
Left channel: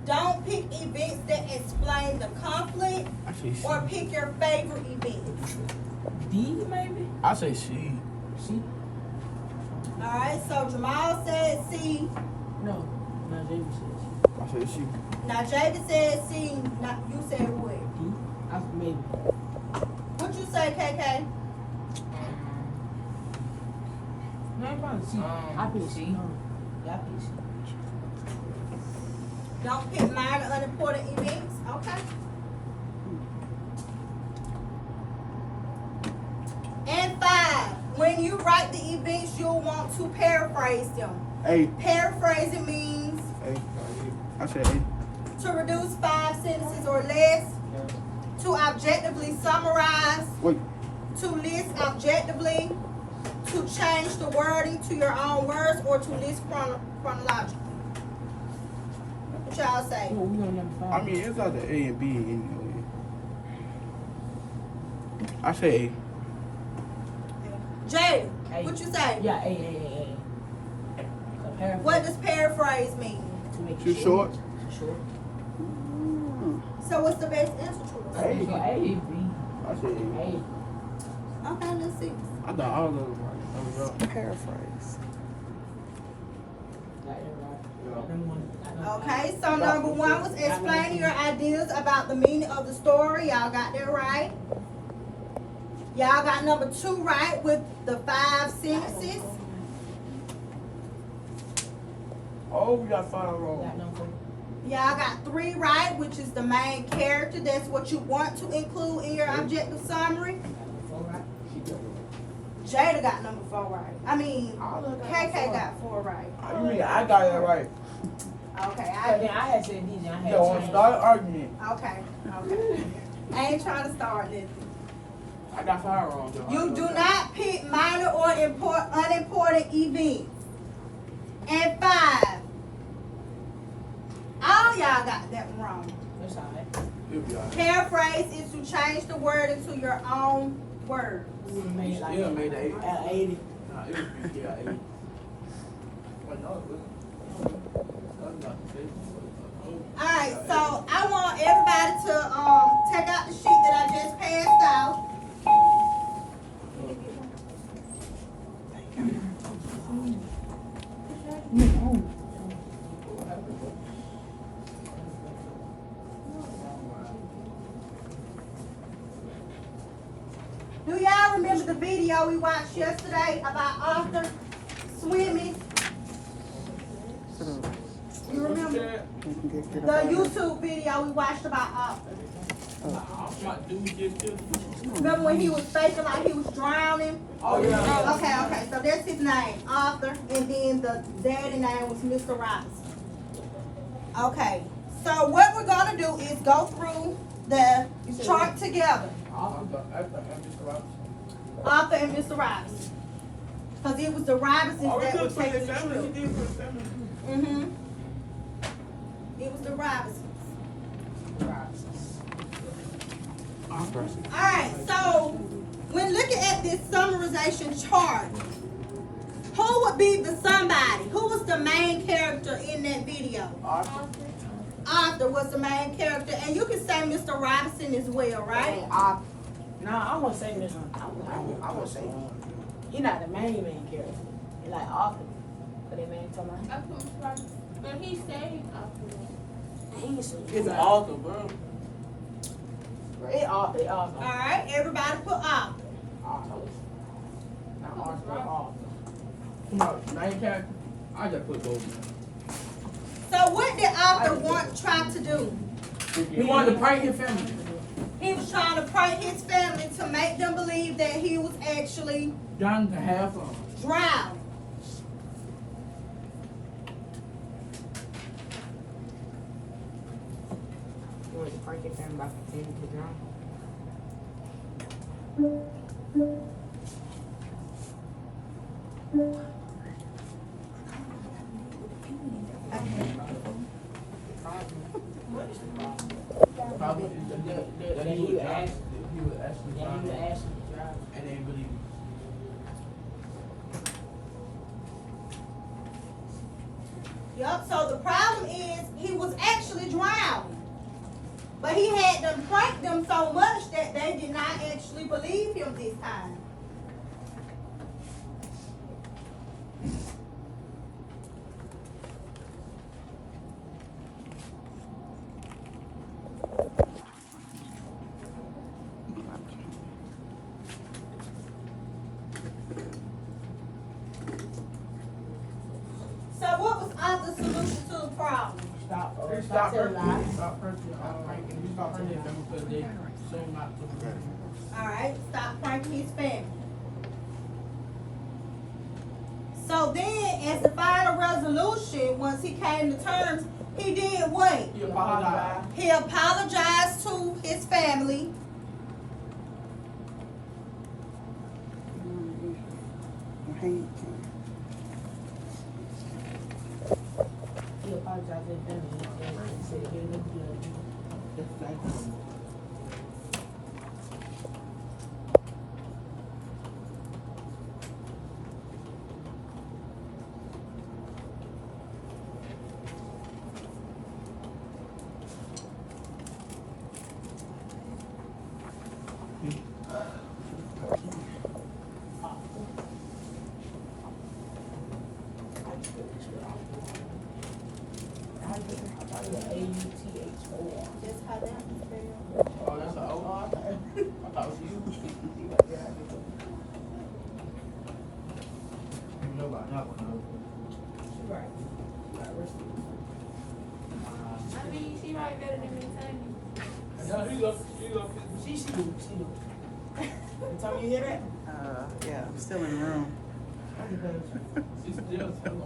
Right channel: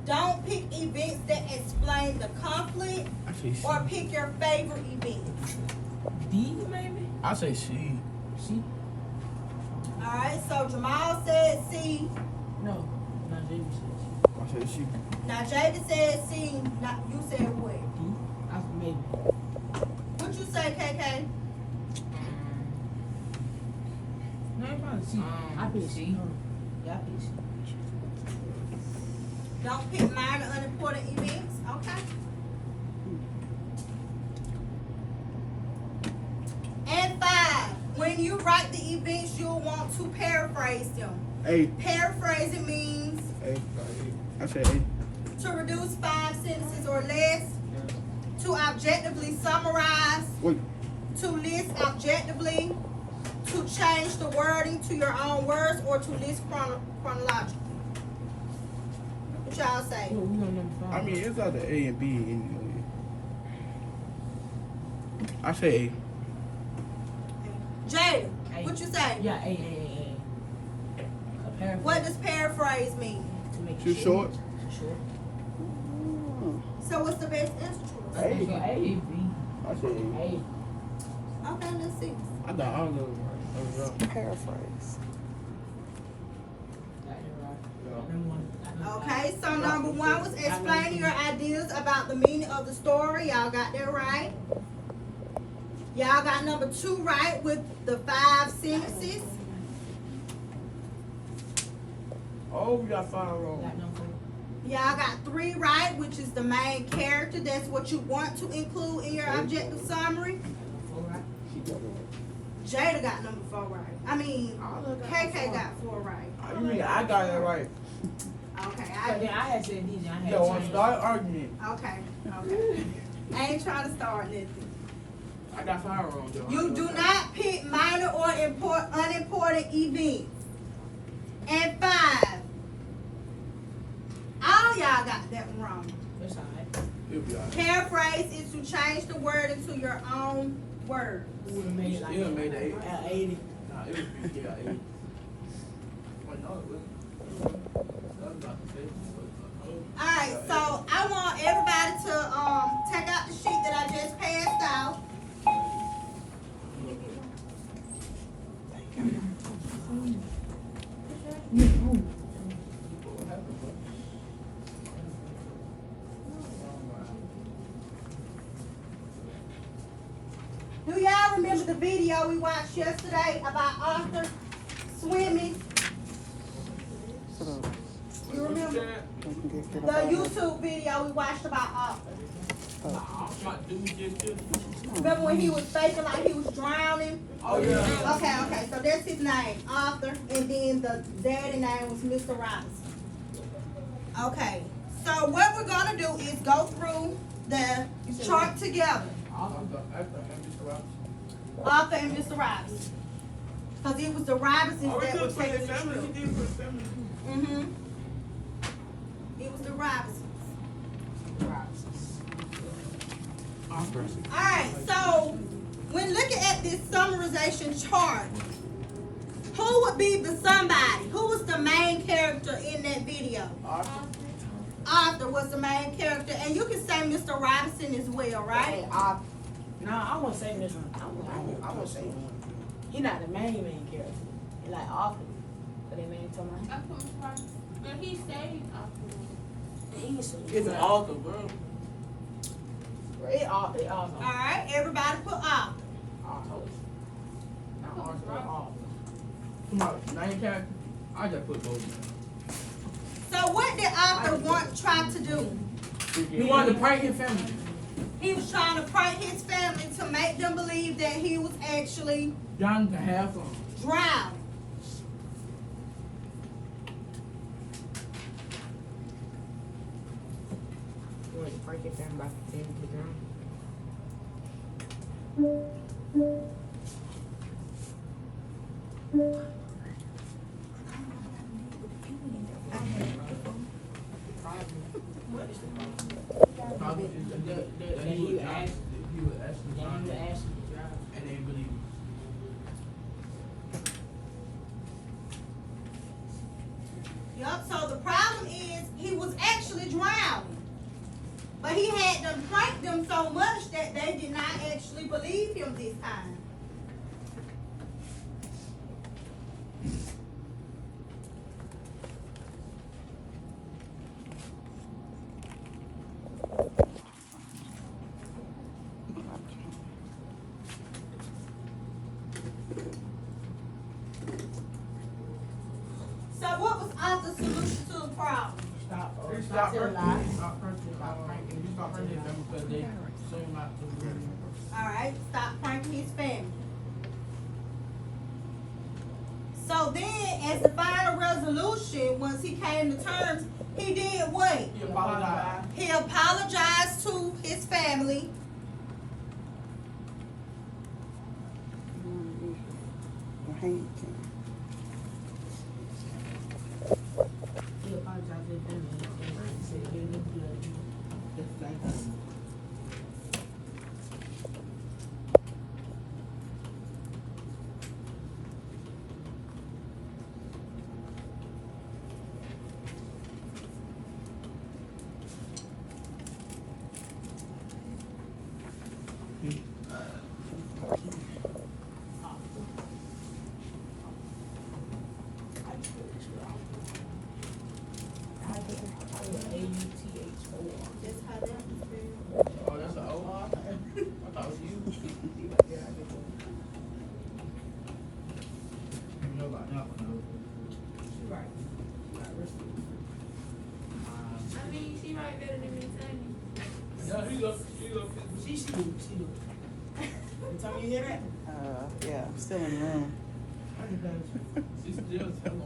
Don't pick events that explain the conflict, I say C. or pick your favorite event. D maybe? I say C. C? Alright, so Jamal said C. No. Not Jamie says I say C. Now Javid said C. Now, you said what? D. I said maybe. What you say, KK? No, I'm probably C. I pick C. C. No. Yeah, I pick C. Don't pick minor, unimportant events. Okay. And 5, when you write the events, you'll want to paraphrase them. A. Paraphrasing means A. I say A. to reduce 5 sentences or less, to objectively summarize, Wait. to list objectively, to change the wording to your own words, or to list chronologically. What y'all say? Oh, we on number 5. I mean, it's either A and B anyway. I say Jada, A. what you say? Yeah, A. A paraphrase. What does paraphrase mean? To make A. Too it short? Too short. So what's the best answer to I it? think A. A, B. I say A. A. Okay, let's see. I thought all of them were paraphrase. Got it right. Got them one. Okay, so number 1 was explaining your ideas about the meaning of the story. Y'all got that right. Y'all got number 2 right with the 5 sentences. Oh, we got 5 wrong. Got number 4. Y'all got 3 right, which is the main character. That's what you want to include in your objective summary. Got number 4 right. Jada got number 4 right. I mean, All of them got KK 4. got 4 right. You mean I got that right? Okay, But then I had said D, then I You had don't want to changed. start an argument. okay. I ain't trying to start nothing. I got 5 wrong, though. You do not pick minor or unimportant events. And 5, all y'all got that one wrong. That's alright. It'll be all right. Paraphrase is to change the word into your own word. We would've made like Yeah, made the 8. at 80. Nah, it would be, yeah, 8. But no, it wasn't. That was about to say, Alright, so I want everybody to take out the sheet that I just passed out. Do y'all remember the video we watched yesterday about Arthur swimming? You remember the YouTube video we watched about Arthur? My dude just killed him. Remember when he was faking like he was drowning? Oh, yeah. Okay, so that's his name, Arthur, and then the daddy name was Mr. Robinson. Okay, so what we're gonna do is go through the chart together, Arthur and Mr. Robinson. Cause it was the Robinsons that were taking the trip. Mm-hmm. It was the Robinsons. Alright, so when looking at this summarization chart, who would be the somebody? Who was the main character in that video? Arthur was the main character, and you can say Mr. Robinson as well, right? Nah, I'm gonna say Mr. I'm gonna say you're not the main character. You're like Arthur. But that man talking about But he said It's Arthur, bro. it Arthur. Alright, everybody put Arthur. Come on, main character. I just put both. So what did Arthur try to do? He wanted to prank his family. He was trying to prank his family to make them believe that he was actually John to half of them. drowned. You want to break it down by continuing to drown? What is the problem? Probably that he would actually Yeah, drown you actually drown. and they believe it. Yup, so the problem is he was actually drowned. But he had them prank them so much that they did not actually believe him this time. So what was Arthur's solution to the problem? Stop. Stop telling lies. Stop pranking. Stop pranking. Stop pranking them because they so not to. Alright, stop pranking his family. So then, as the final resolution, once he came to terms, he did what? He apologized. He apologized to his family. He apologized to them and said they look good. That's how that was spelled. Oh, that's an old one? I thought it was you. You know about that one, Right. I mean, she write better than me, Tanya. though. No, he go. She do. Tell me you hear that? Yeah, I'm still in the room. She still tell him.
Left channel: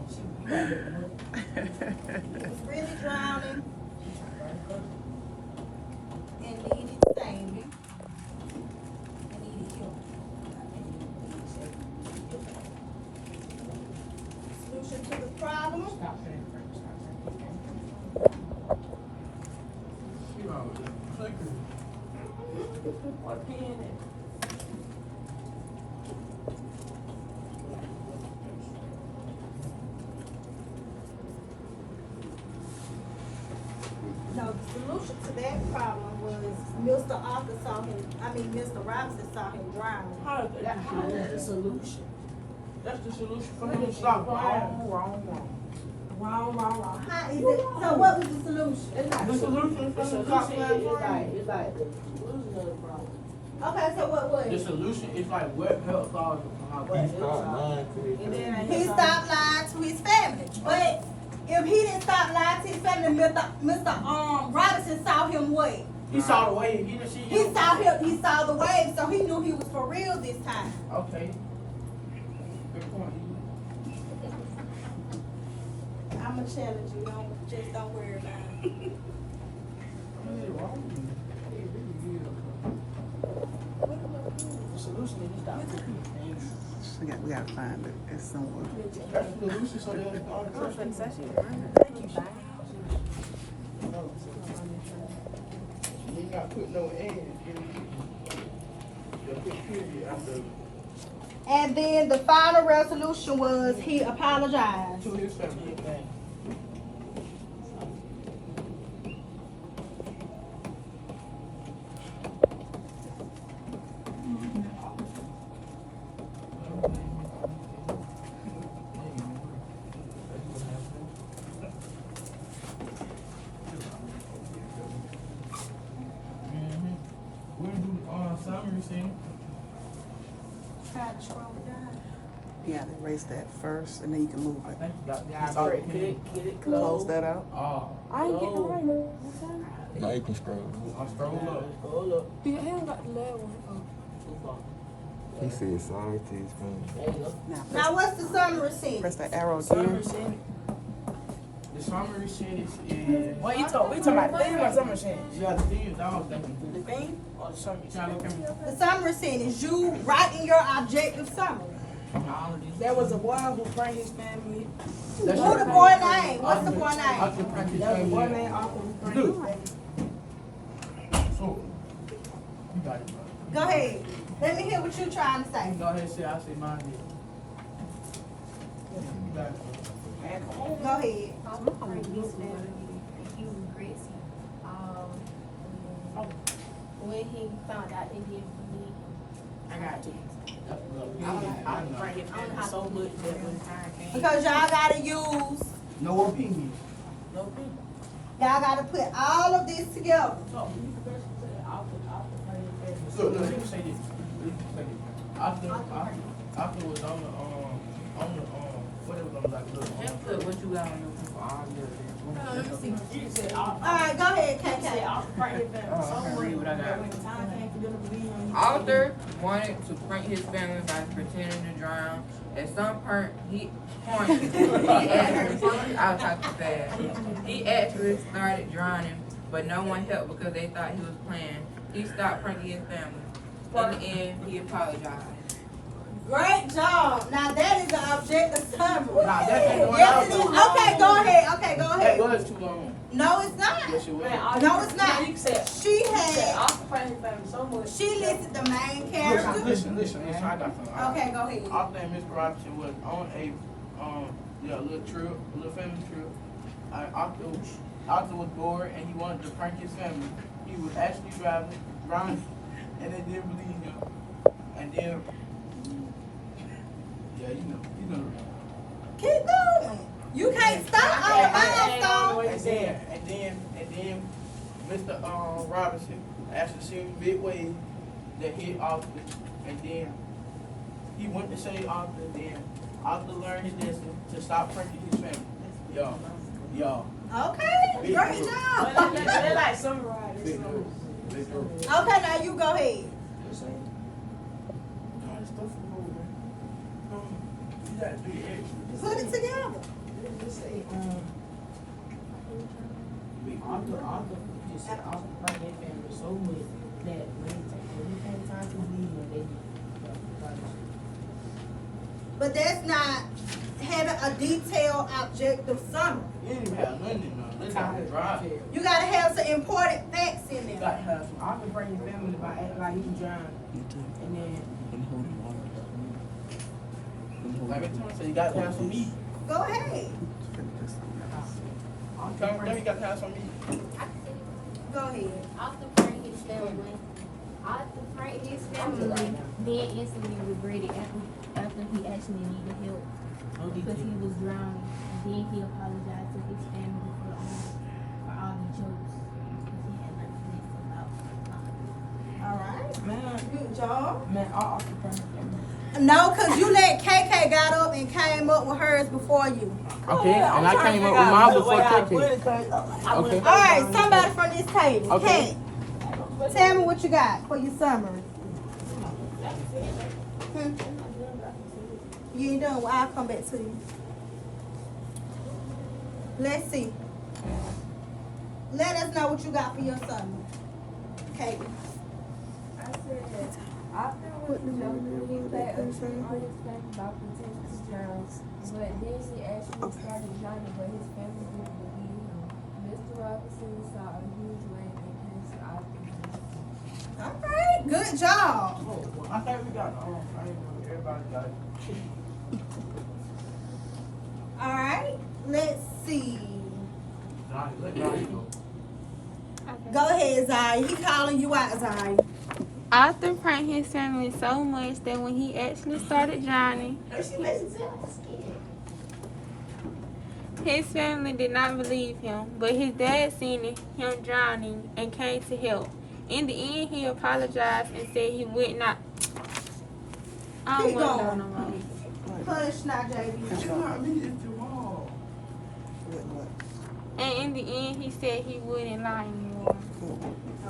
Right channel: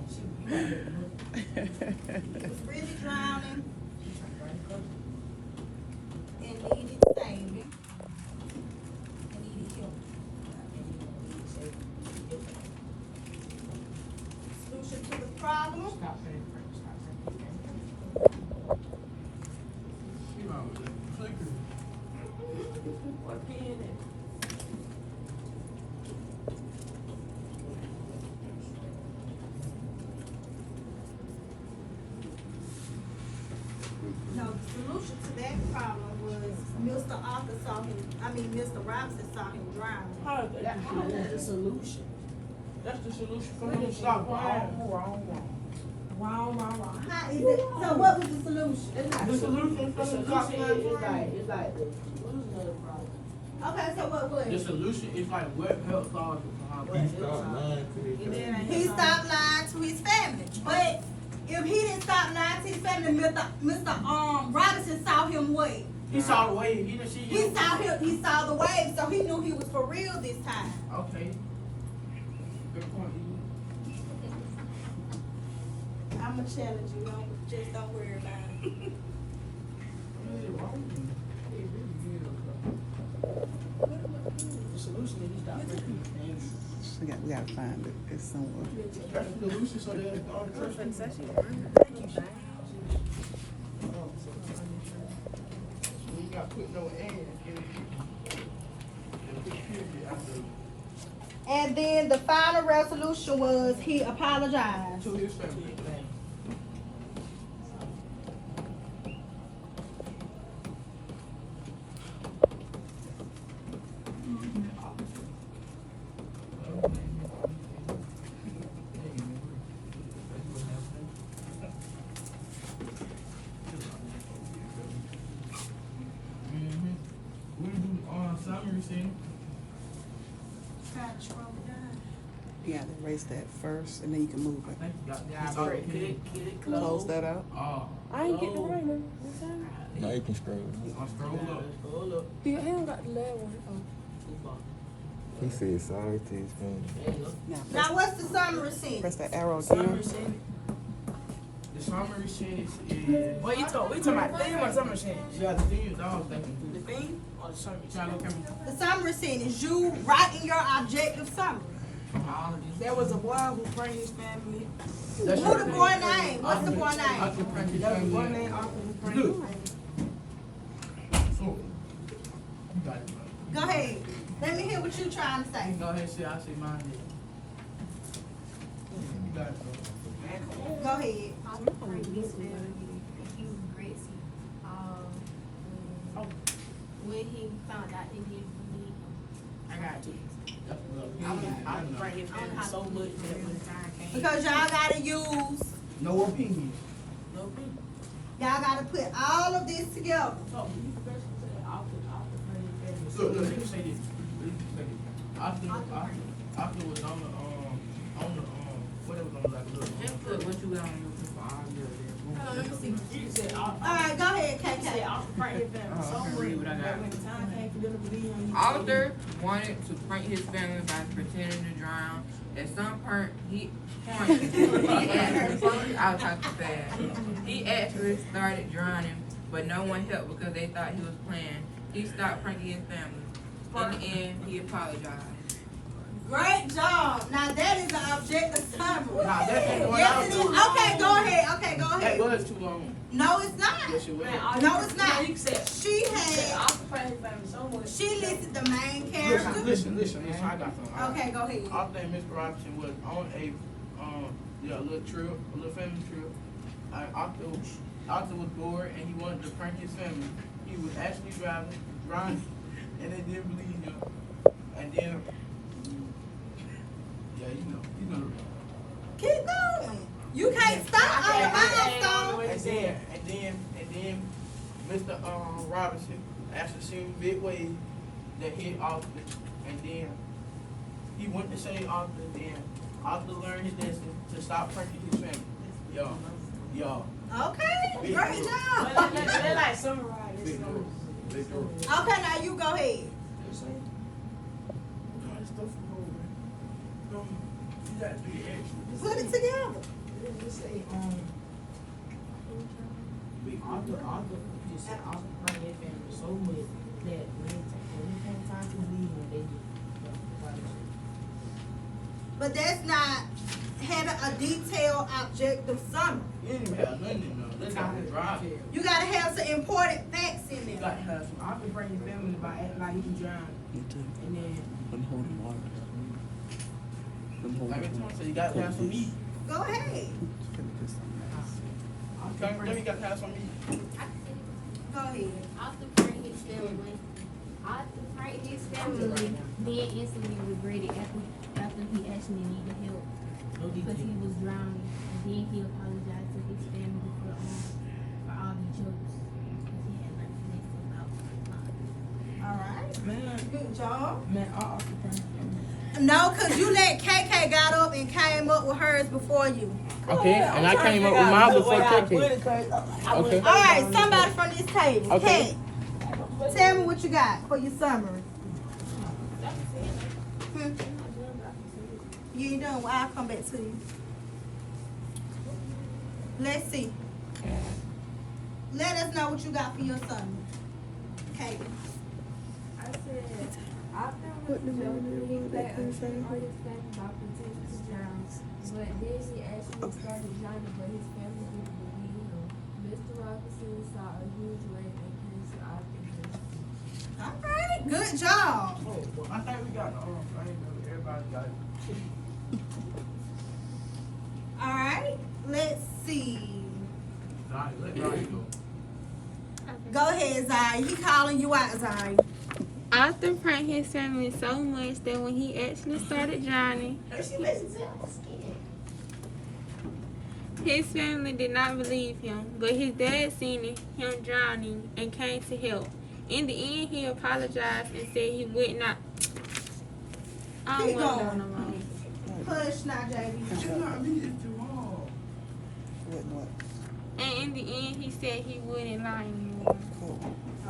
He was really drowning and needed saving. And needed help. Solution to the problem. Stop saying French. Stop saying You know, clicker. What pen is? No, the solution to that problem was Mr. Arthur saw him, Mr. Robinson saw him drowning. How is that? That's the solution. That's the solution for him to stop crying. Wrong. How is it, so what was the solution? It's not The solution The for him to stop solution is like, crying. it's like, what is the problem? Okay, so what was The it? solution is like what helps all What? He stopped lying to his And then I He stopped lying to his family, but if he didn't stop lying to his family, Mr. Robinson saw him what? He saw the wave. He didn't see He you. he saw the wave, so he knew he was for real this time. Okay. Good point. I'ma challenge you, just don't worry about it. The solution is you stop freaking things. We gotta find it. It's somewhere. That's the solution, so they'll go on the church. You ain't got put no end in it. They'll put period after And then the final resolution was he apologized. to his family. We'll do summary scene. Try to scroll it down. You gotta erase that first, and then you can move I it. think you got Yeah, saw get the it Close closed. that out. Oh, I ain't getting the right one. Now you can scroll. I'm scrolling up. Scroll up. You haven't got the last one. Too far. He said sorry to his family. There you go. Now, Now what's the summary scene? press the arrow Summer again. scene. The summary scene is. What you talking? We talking about theme or summer scene? You got the thing, I was thinking. The theme or the summer Try to look at me. The summary scene is you writing your objective summary. There was a boy who brought his family. That's Who your the name. boy name? What's the boy I name? can print this There was a thing boy in. named Arthur who brought Dude. his family. So, you got it. Go ahead. Let me hear what you're trying to say. Go ahead and say, I say mine did. You got it. Go ahead. When he found out that he didn't believe I got you. That's what I I'm don't bring his family so much that when time came. Because y'all gotta use, No opinions. No people. y'all gotta put all of this together. So, you first said, I'll bring his family so Look, much. let me say this. Let me say this. After was on the, what it was on, like, look. Just put what you got on your You can say, I'll Alright, go ahead, say, KK. I'll bring his family so I can much read what I got. that when time came for them to believe on you. Arthur wanted to prank his family by pretending to drown. At some point, he actually started drowning, but no one helped because they thought he was playing. He stopped pranking his family. In the end, he apologized. Great job. Now that is an objective summary. Nah, that's the one Yes, I it was is. doing. Okay, go ahead. Okay, go That ahead. was too long. No, it's not. Yes, it was. No, it's not. You can say, She you can say, had, I'll bring his family so much. she listed the main character. Listen, I got something. Okay, go ahead. I think Miss Robinson was on a little trip, a little family trip. Arthur was bored and he wanted to prank his family. He was actually driving, and they didn't believe him. And then, yeah, you know. Keep going. You can't stop on the milestone. And then, Mr. Robinson actually seen big wave that hit Arthur, and then he went to save Arthur. Then Arthur learned his lesson to stop pranking his family. Y'all. Okay, great But job. they like summarize this. Big girl. Big girl. Okay, now you go ahead. God, this stuff is over. You gotta do the extra. Put it together. Just say, Arthur just said, Arthur bring his family so much that when it came time to leave, when they, But that's not having a detailed objective summary. You didn't even have nothing in there. Let's not drive. You gotta have some important facts in You there. gotta have some. Arthur bring his family by acting like he was drowning, and then Like I told you, you gotta have some meat. Go ahead. Then you gotta have some meat. Go ahead. Arthur franked his family. Arthur franked his family, then instantly regretted after he actually needed help no because he detail. was drowning. And then he apologized to his family for all the jokes because he had nothing to think about. All right. Man, Good job. man, Arthur bring his family. No, cause you let KK got up and came up with hers before you. Okay, and I came up with mine before KK. Okay. All right, somebody from this table. Okay. Kat, Tell me what you got for your summary. You ain't done. Well, I'll come back to you. Let's see. Let us know what you got for your summary. Okay. I said, after what the joke, he played a trick on his family about protecting Charles, but then he actually started Johnny, but his family didn't believe him. Mr. Robinson saw a huge wave in his eyes. All right. Good job. I think we got everybody got it. All right. Let's see. Let Johnny go. Go ahead, Zaya. He calling you out, Zaya. Arthur pranked his family so much that when he actually started Johnny, his family did not believe him, but his dad seen him drowning and came to help. In the end, he apologized and said he would not. I don't Keep want to know going. no more. Hush now, JB. But you not reading too long. What? And in the end, he said he wouldn't lie anymore.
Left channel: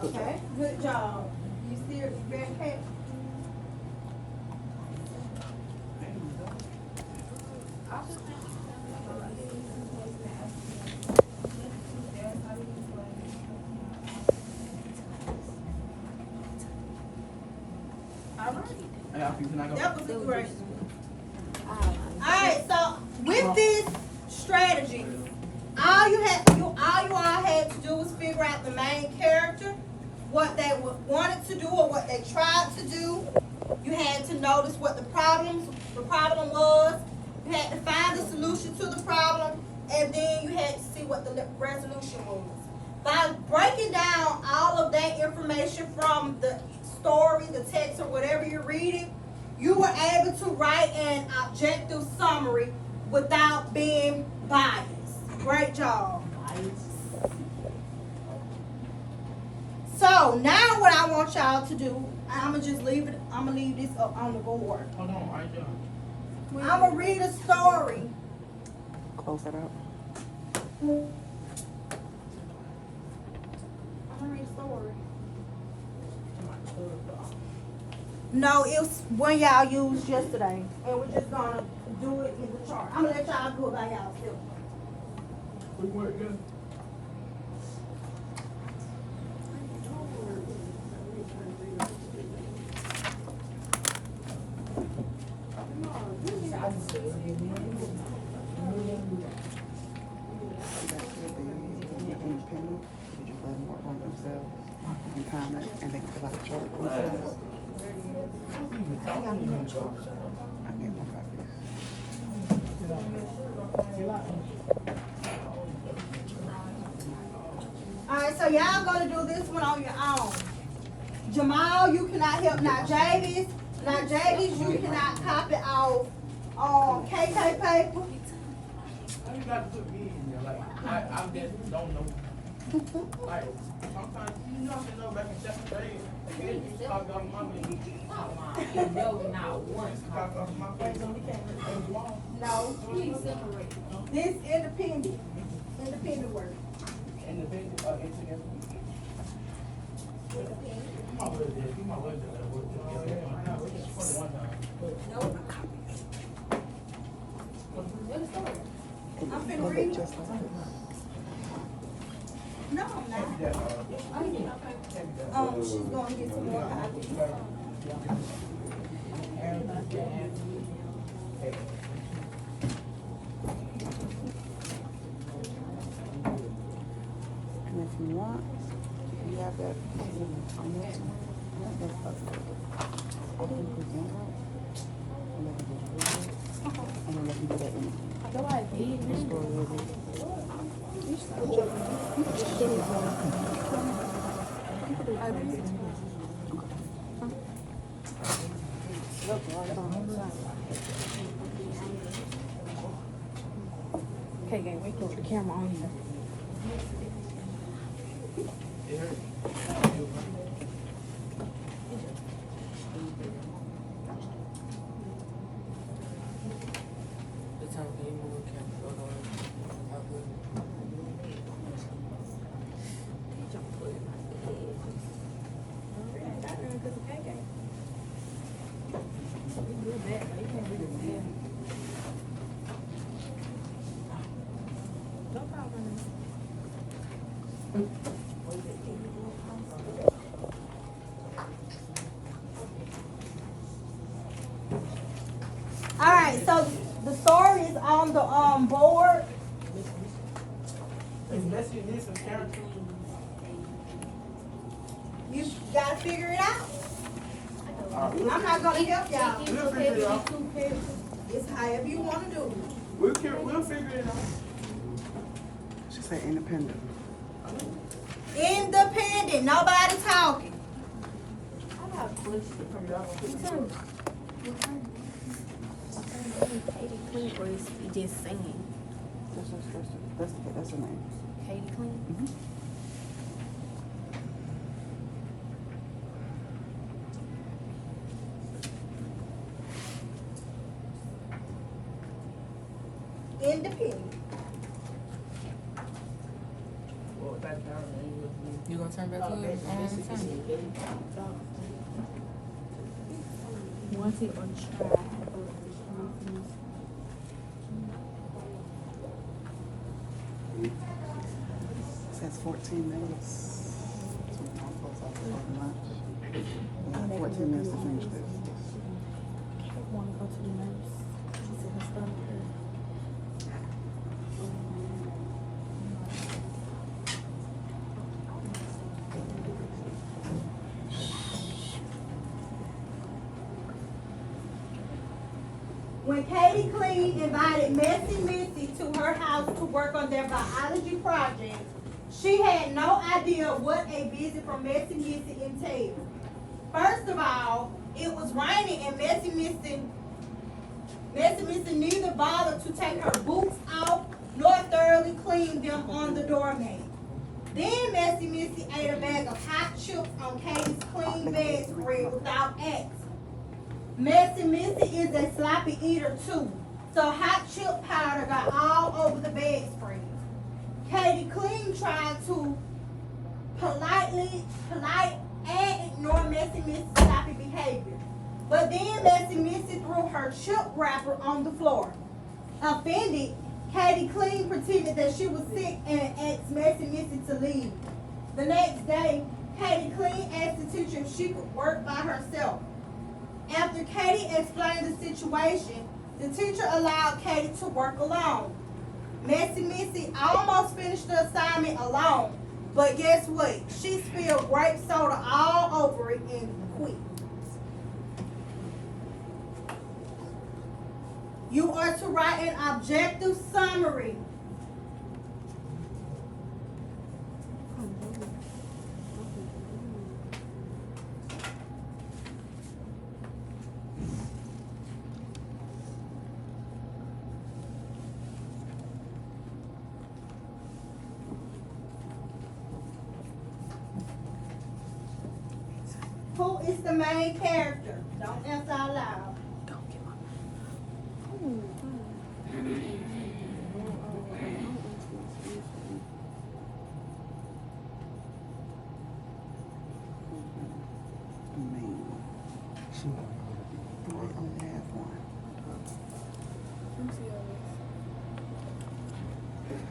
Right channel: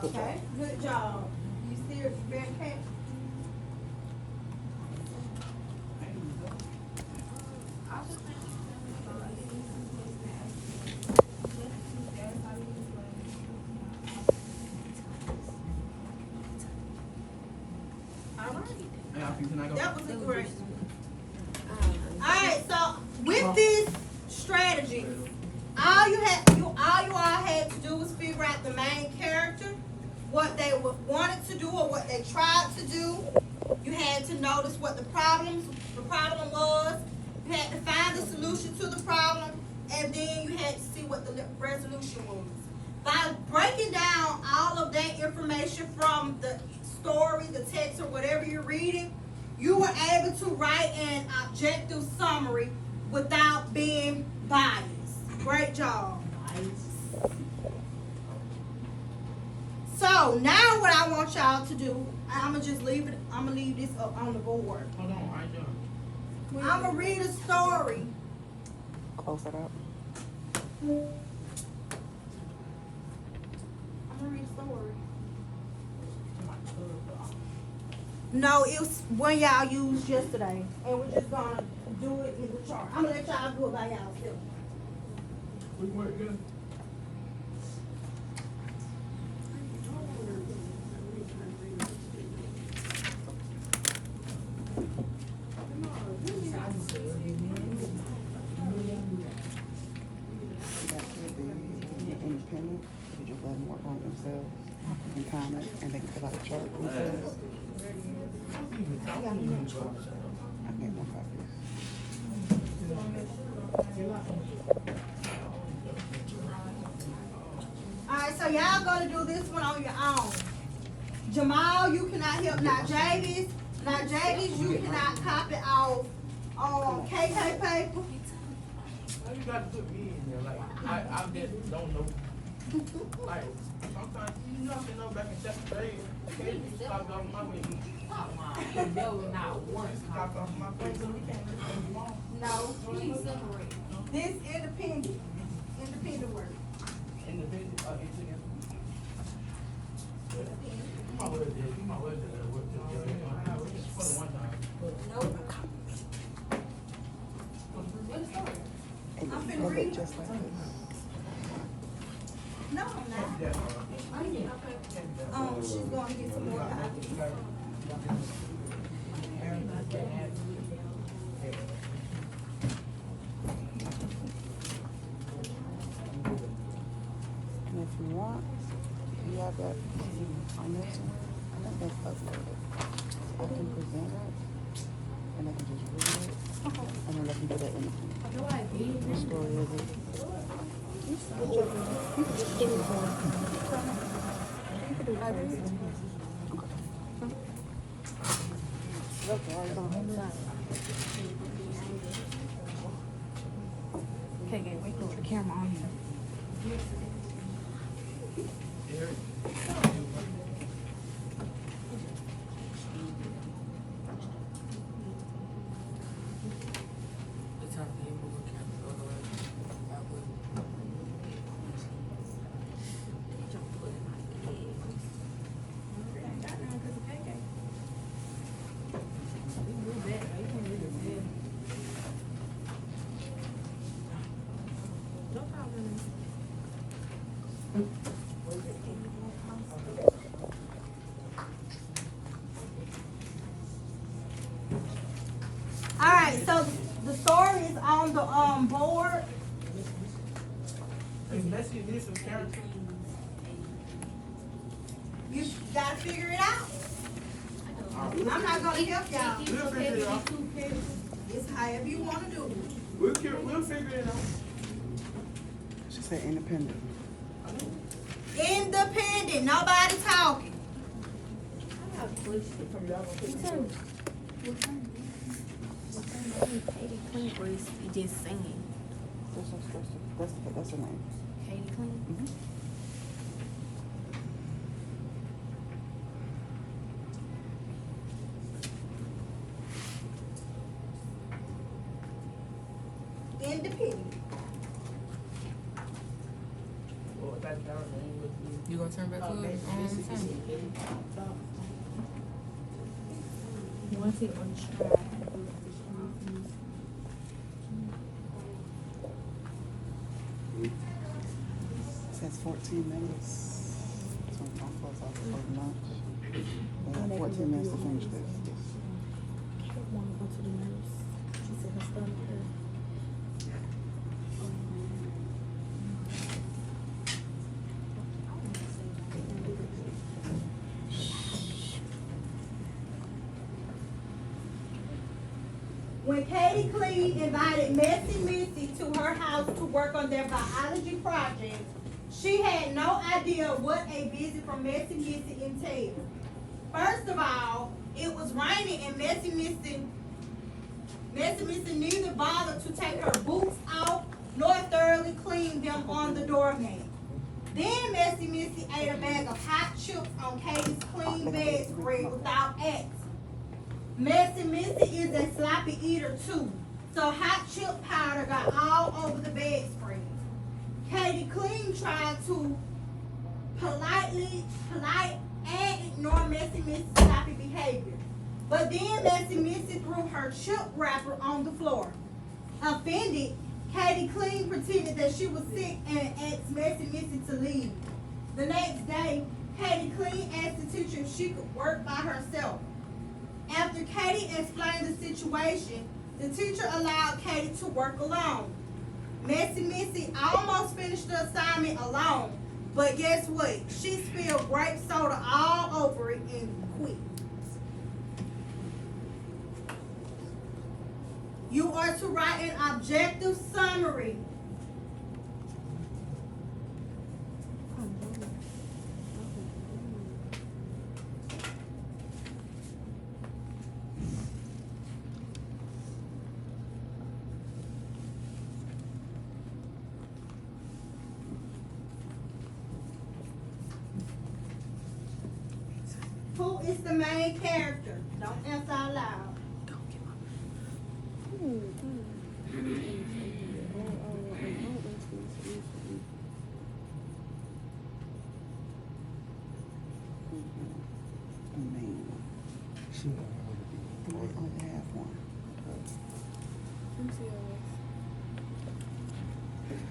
Okay. Good job. You still very careful. All right. Hey, I think I go. That was a great. Alright, so with this strategy, all you all had to do was figure out the main character, what they wanted to do or what they tried to do. You had to notice what the problem was. You had to find the solution to the problem, and then you had to see what the resolution was. By breaking down all of that information from the story, the text, or whatever you're reading, you were able to write an objective summary without being biased. Great job. So now what I want y'all to do, I'm gonna leave this up on the board. Hold on, I ain't done. I'm gonna read a story. Close it up. I'm gonna read a story. No, it was one y'all used yesterday, and we're just gonna do it in the chart. I'm gonna let y'all do it by y'all. We work good. Independent. Did you put them on themselves? You comment and they can fill out the chart themselves. I mean, Alright, so y'all gonna do this one on your own. Jamal, you cannot help Najavis. Najavis, you cannot copy off KK paper. Now you got to put me in there. Like, I just don't know. Like, sometimes you know back in 7th grade, it used to talk off my face. No, not one. Used to talk off my face. No, Please separate. this independent work. Independent, together. My word is, my word is that work together. For the one time. Nope. What is story? I'm finna read it. No, I'm not. She's gonna get some more copies. Okay, gang, we put the camera on here. Alright, so the story is on the board. Unless you need some character. You gotta figure it out. Alright, I'm not gonna help y'all. we'll figure it out. It's however you wanna do it. We'll figure it out. She said independent. Independent, nobody talking. I got a question from y'all. Katie Clean was just singing. That's her name. Katie Clean. Independent. You gonna turn back to it? Want it on try. Says 14 minutes. 14 minutes to finish this. Want to go to the nurse. She said her stomach hurt. When Katie Clean invited Messy Missy to her house to work on their biology project, she had no idea what a visit from Messy Missy entailed. First of all, it was raining and Messy Missy neither bothered to take her boots off nor thoroughly clean them on the doormat. Then Messy Missy ate a bag of hot chips on Katie's clean bedspread without asking. Messy Missy is a sloppy eater too, so hot chip powder got all over the bedspread. Katie Clean tried to polite and ignore Messy Missy's sloppy behavior. But then Messy Missy threw her chip wrapper on the floor. Offended, Katie Clean pretended that she was sick and asked Messy Missy to leave. The next day, Katie Clean asked the teacher if she could work by herself. After Katie explained the situation, the teacher allowed Katie to work alone. Messy Missy almost finished the assignment alone, but guess what? She spilled grape soda all over it and quit. You are to write an objective summary. Who is the main character? Don't answer out loud.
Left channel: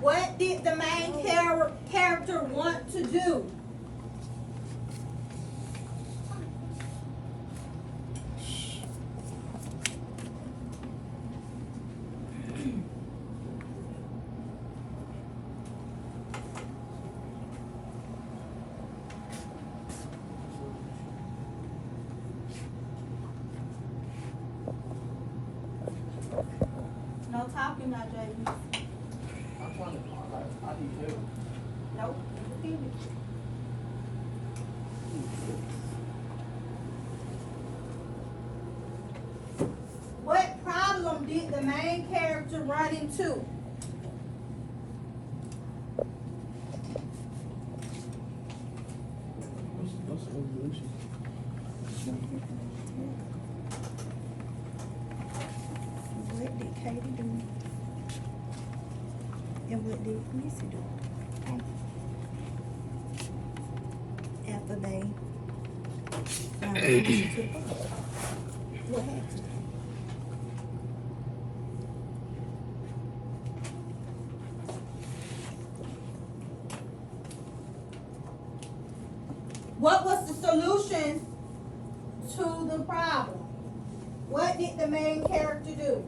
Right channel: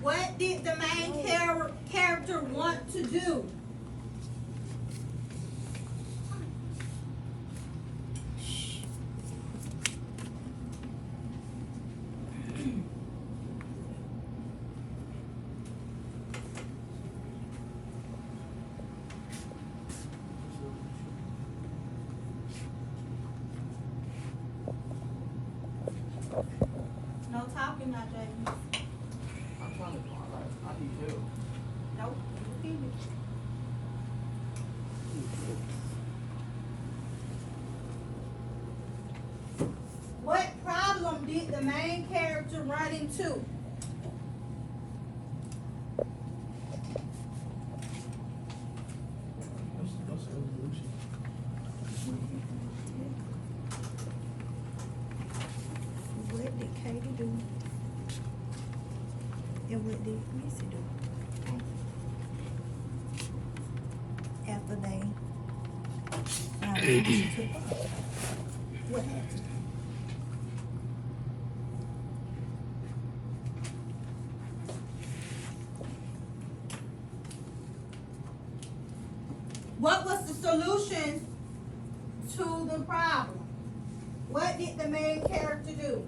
What did the main character want to do? No talking now, Jaden. I'm trying to, I need help. Nope. Repeat it. What problem did the main character run into? What did Katie do? And what did Missy do? After they what happened? What was the solution to the problem? What did the main character do?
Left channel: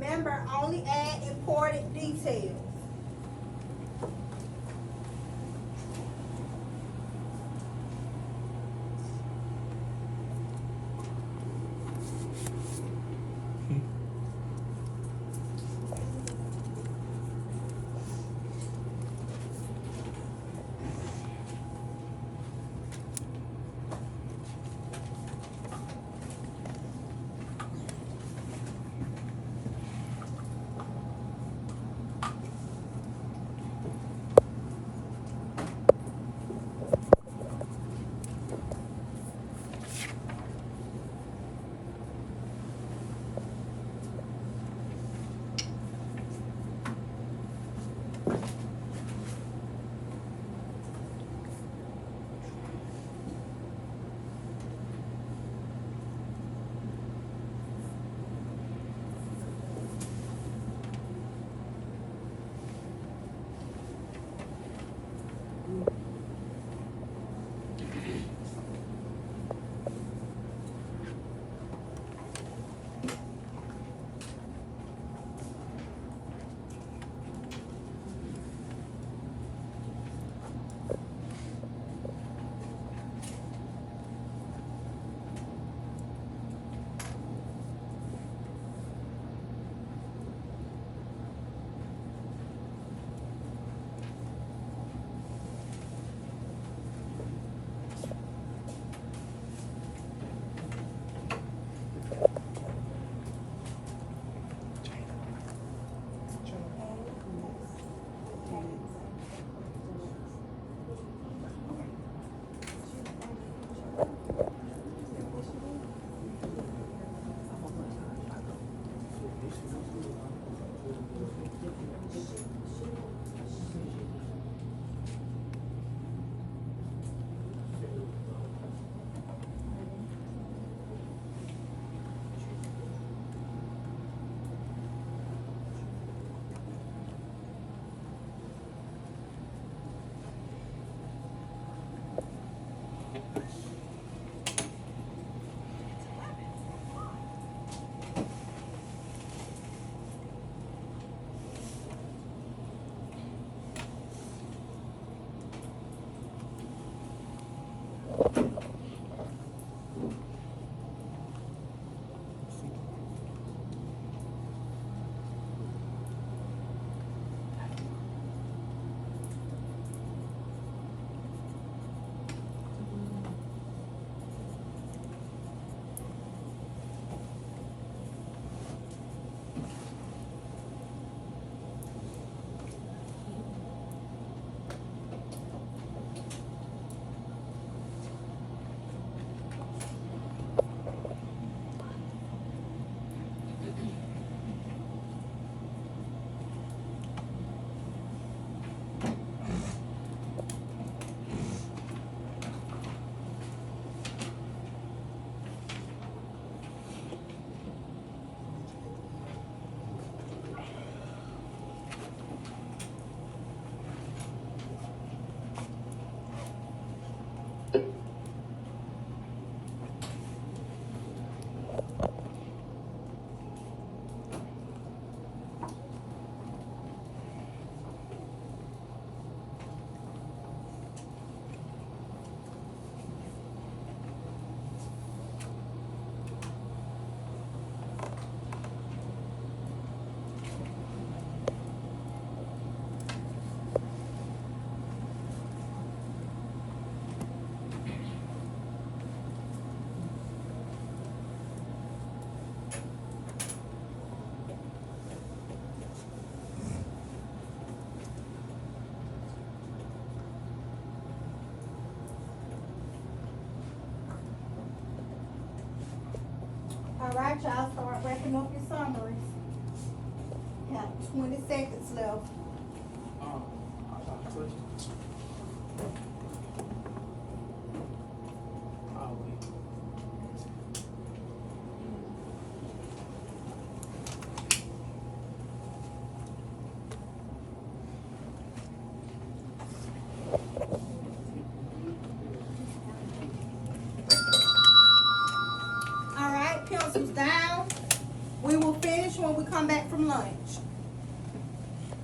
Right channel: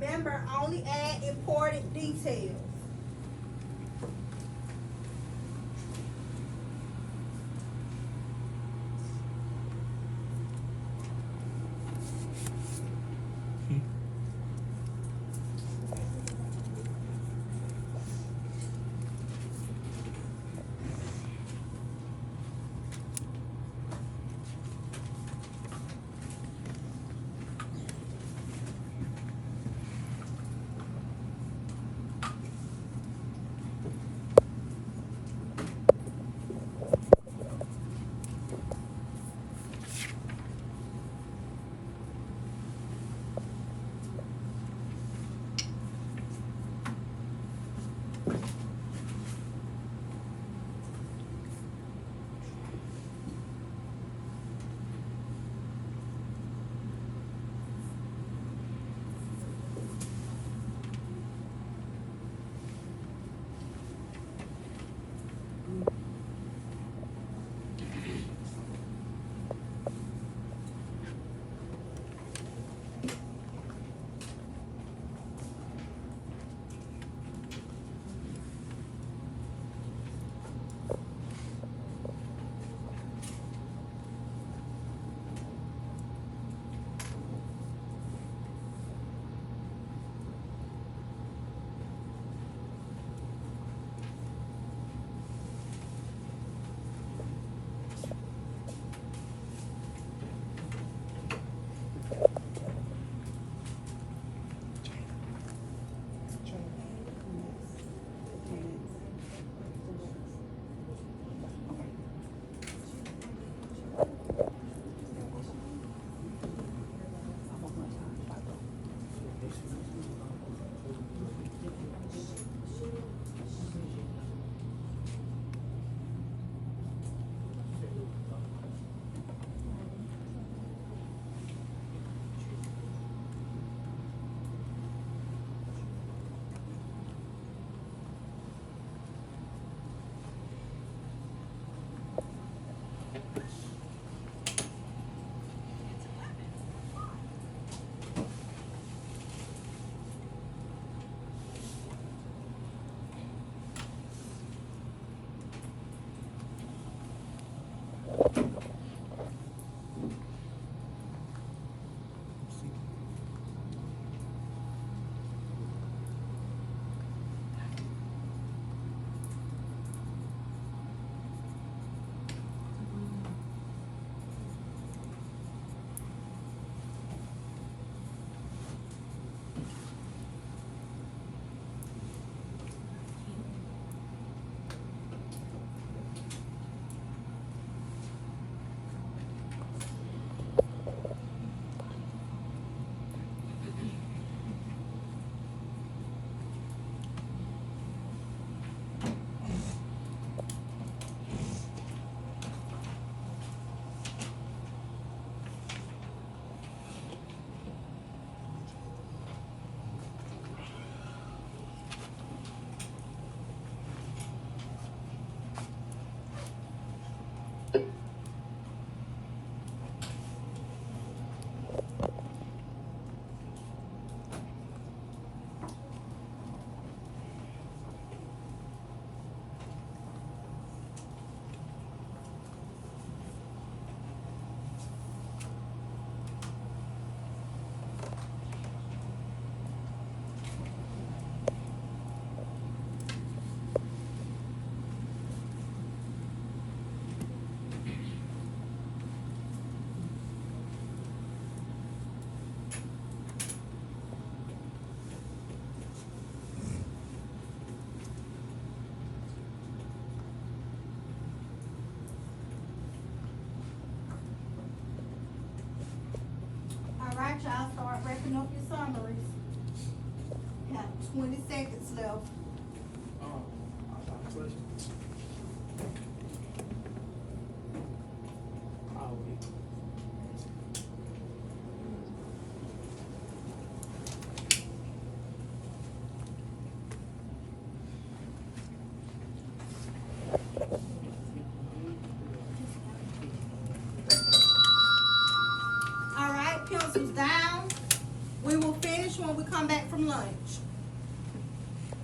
remember, only add important details. All right, y'all, start wrapping up your summaries. Got 20 seconds left. I got a question. Oh, wait. All right, pencils down. We will finish when we come back from lunch.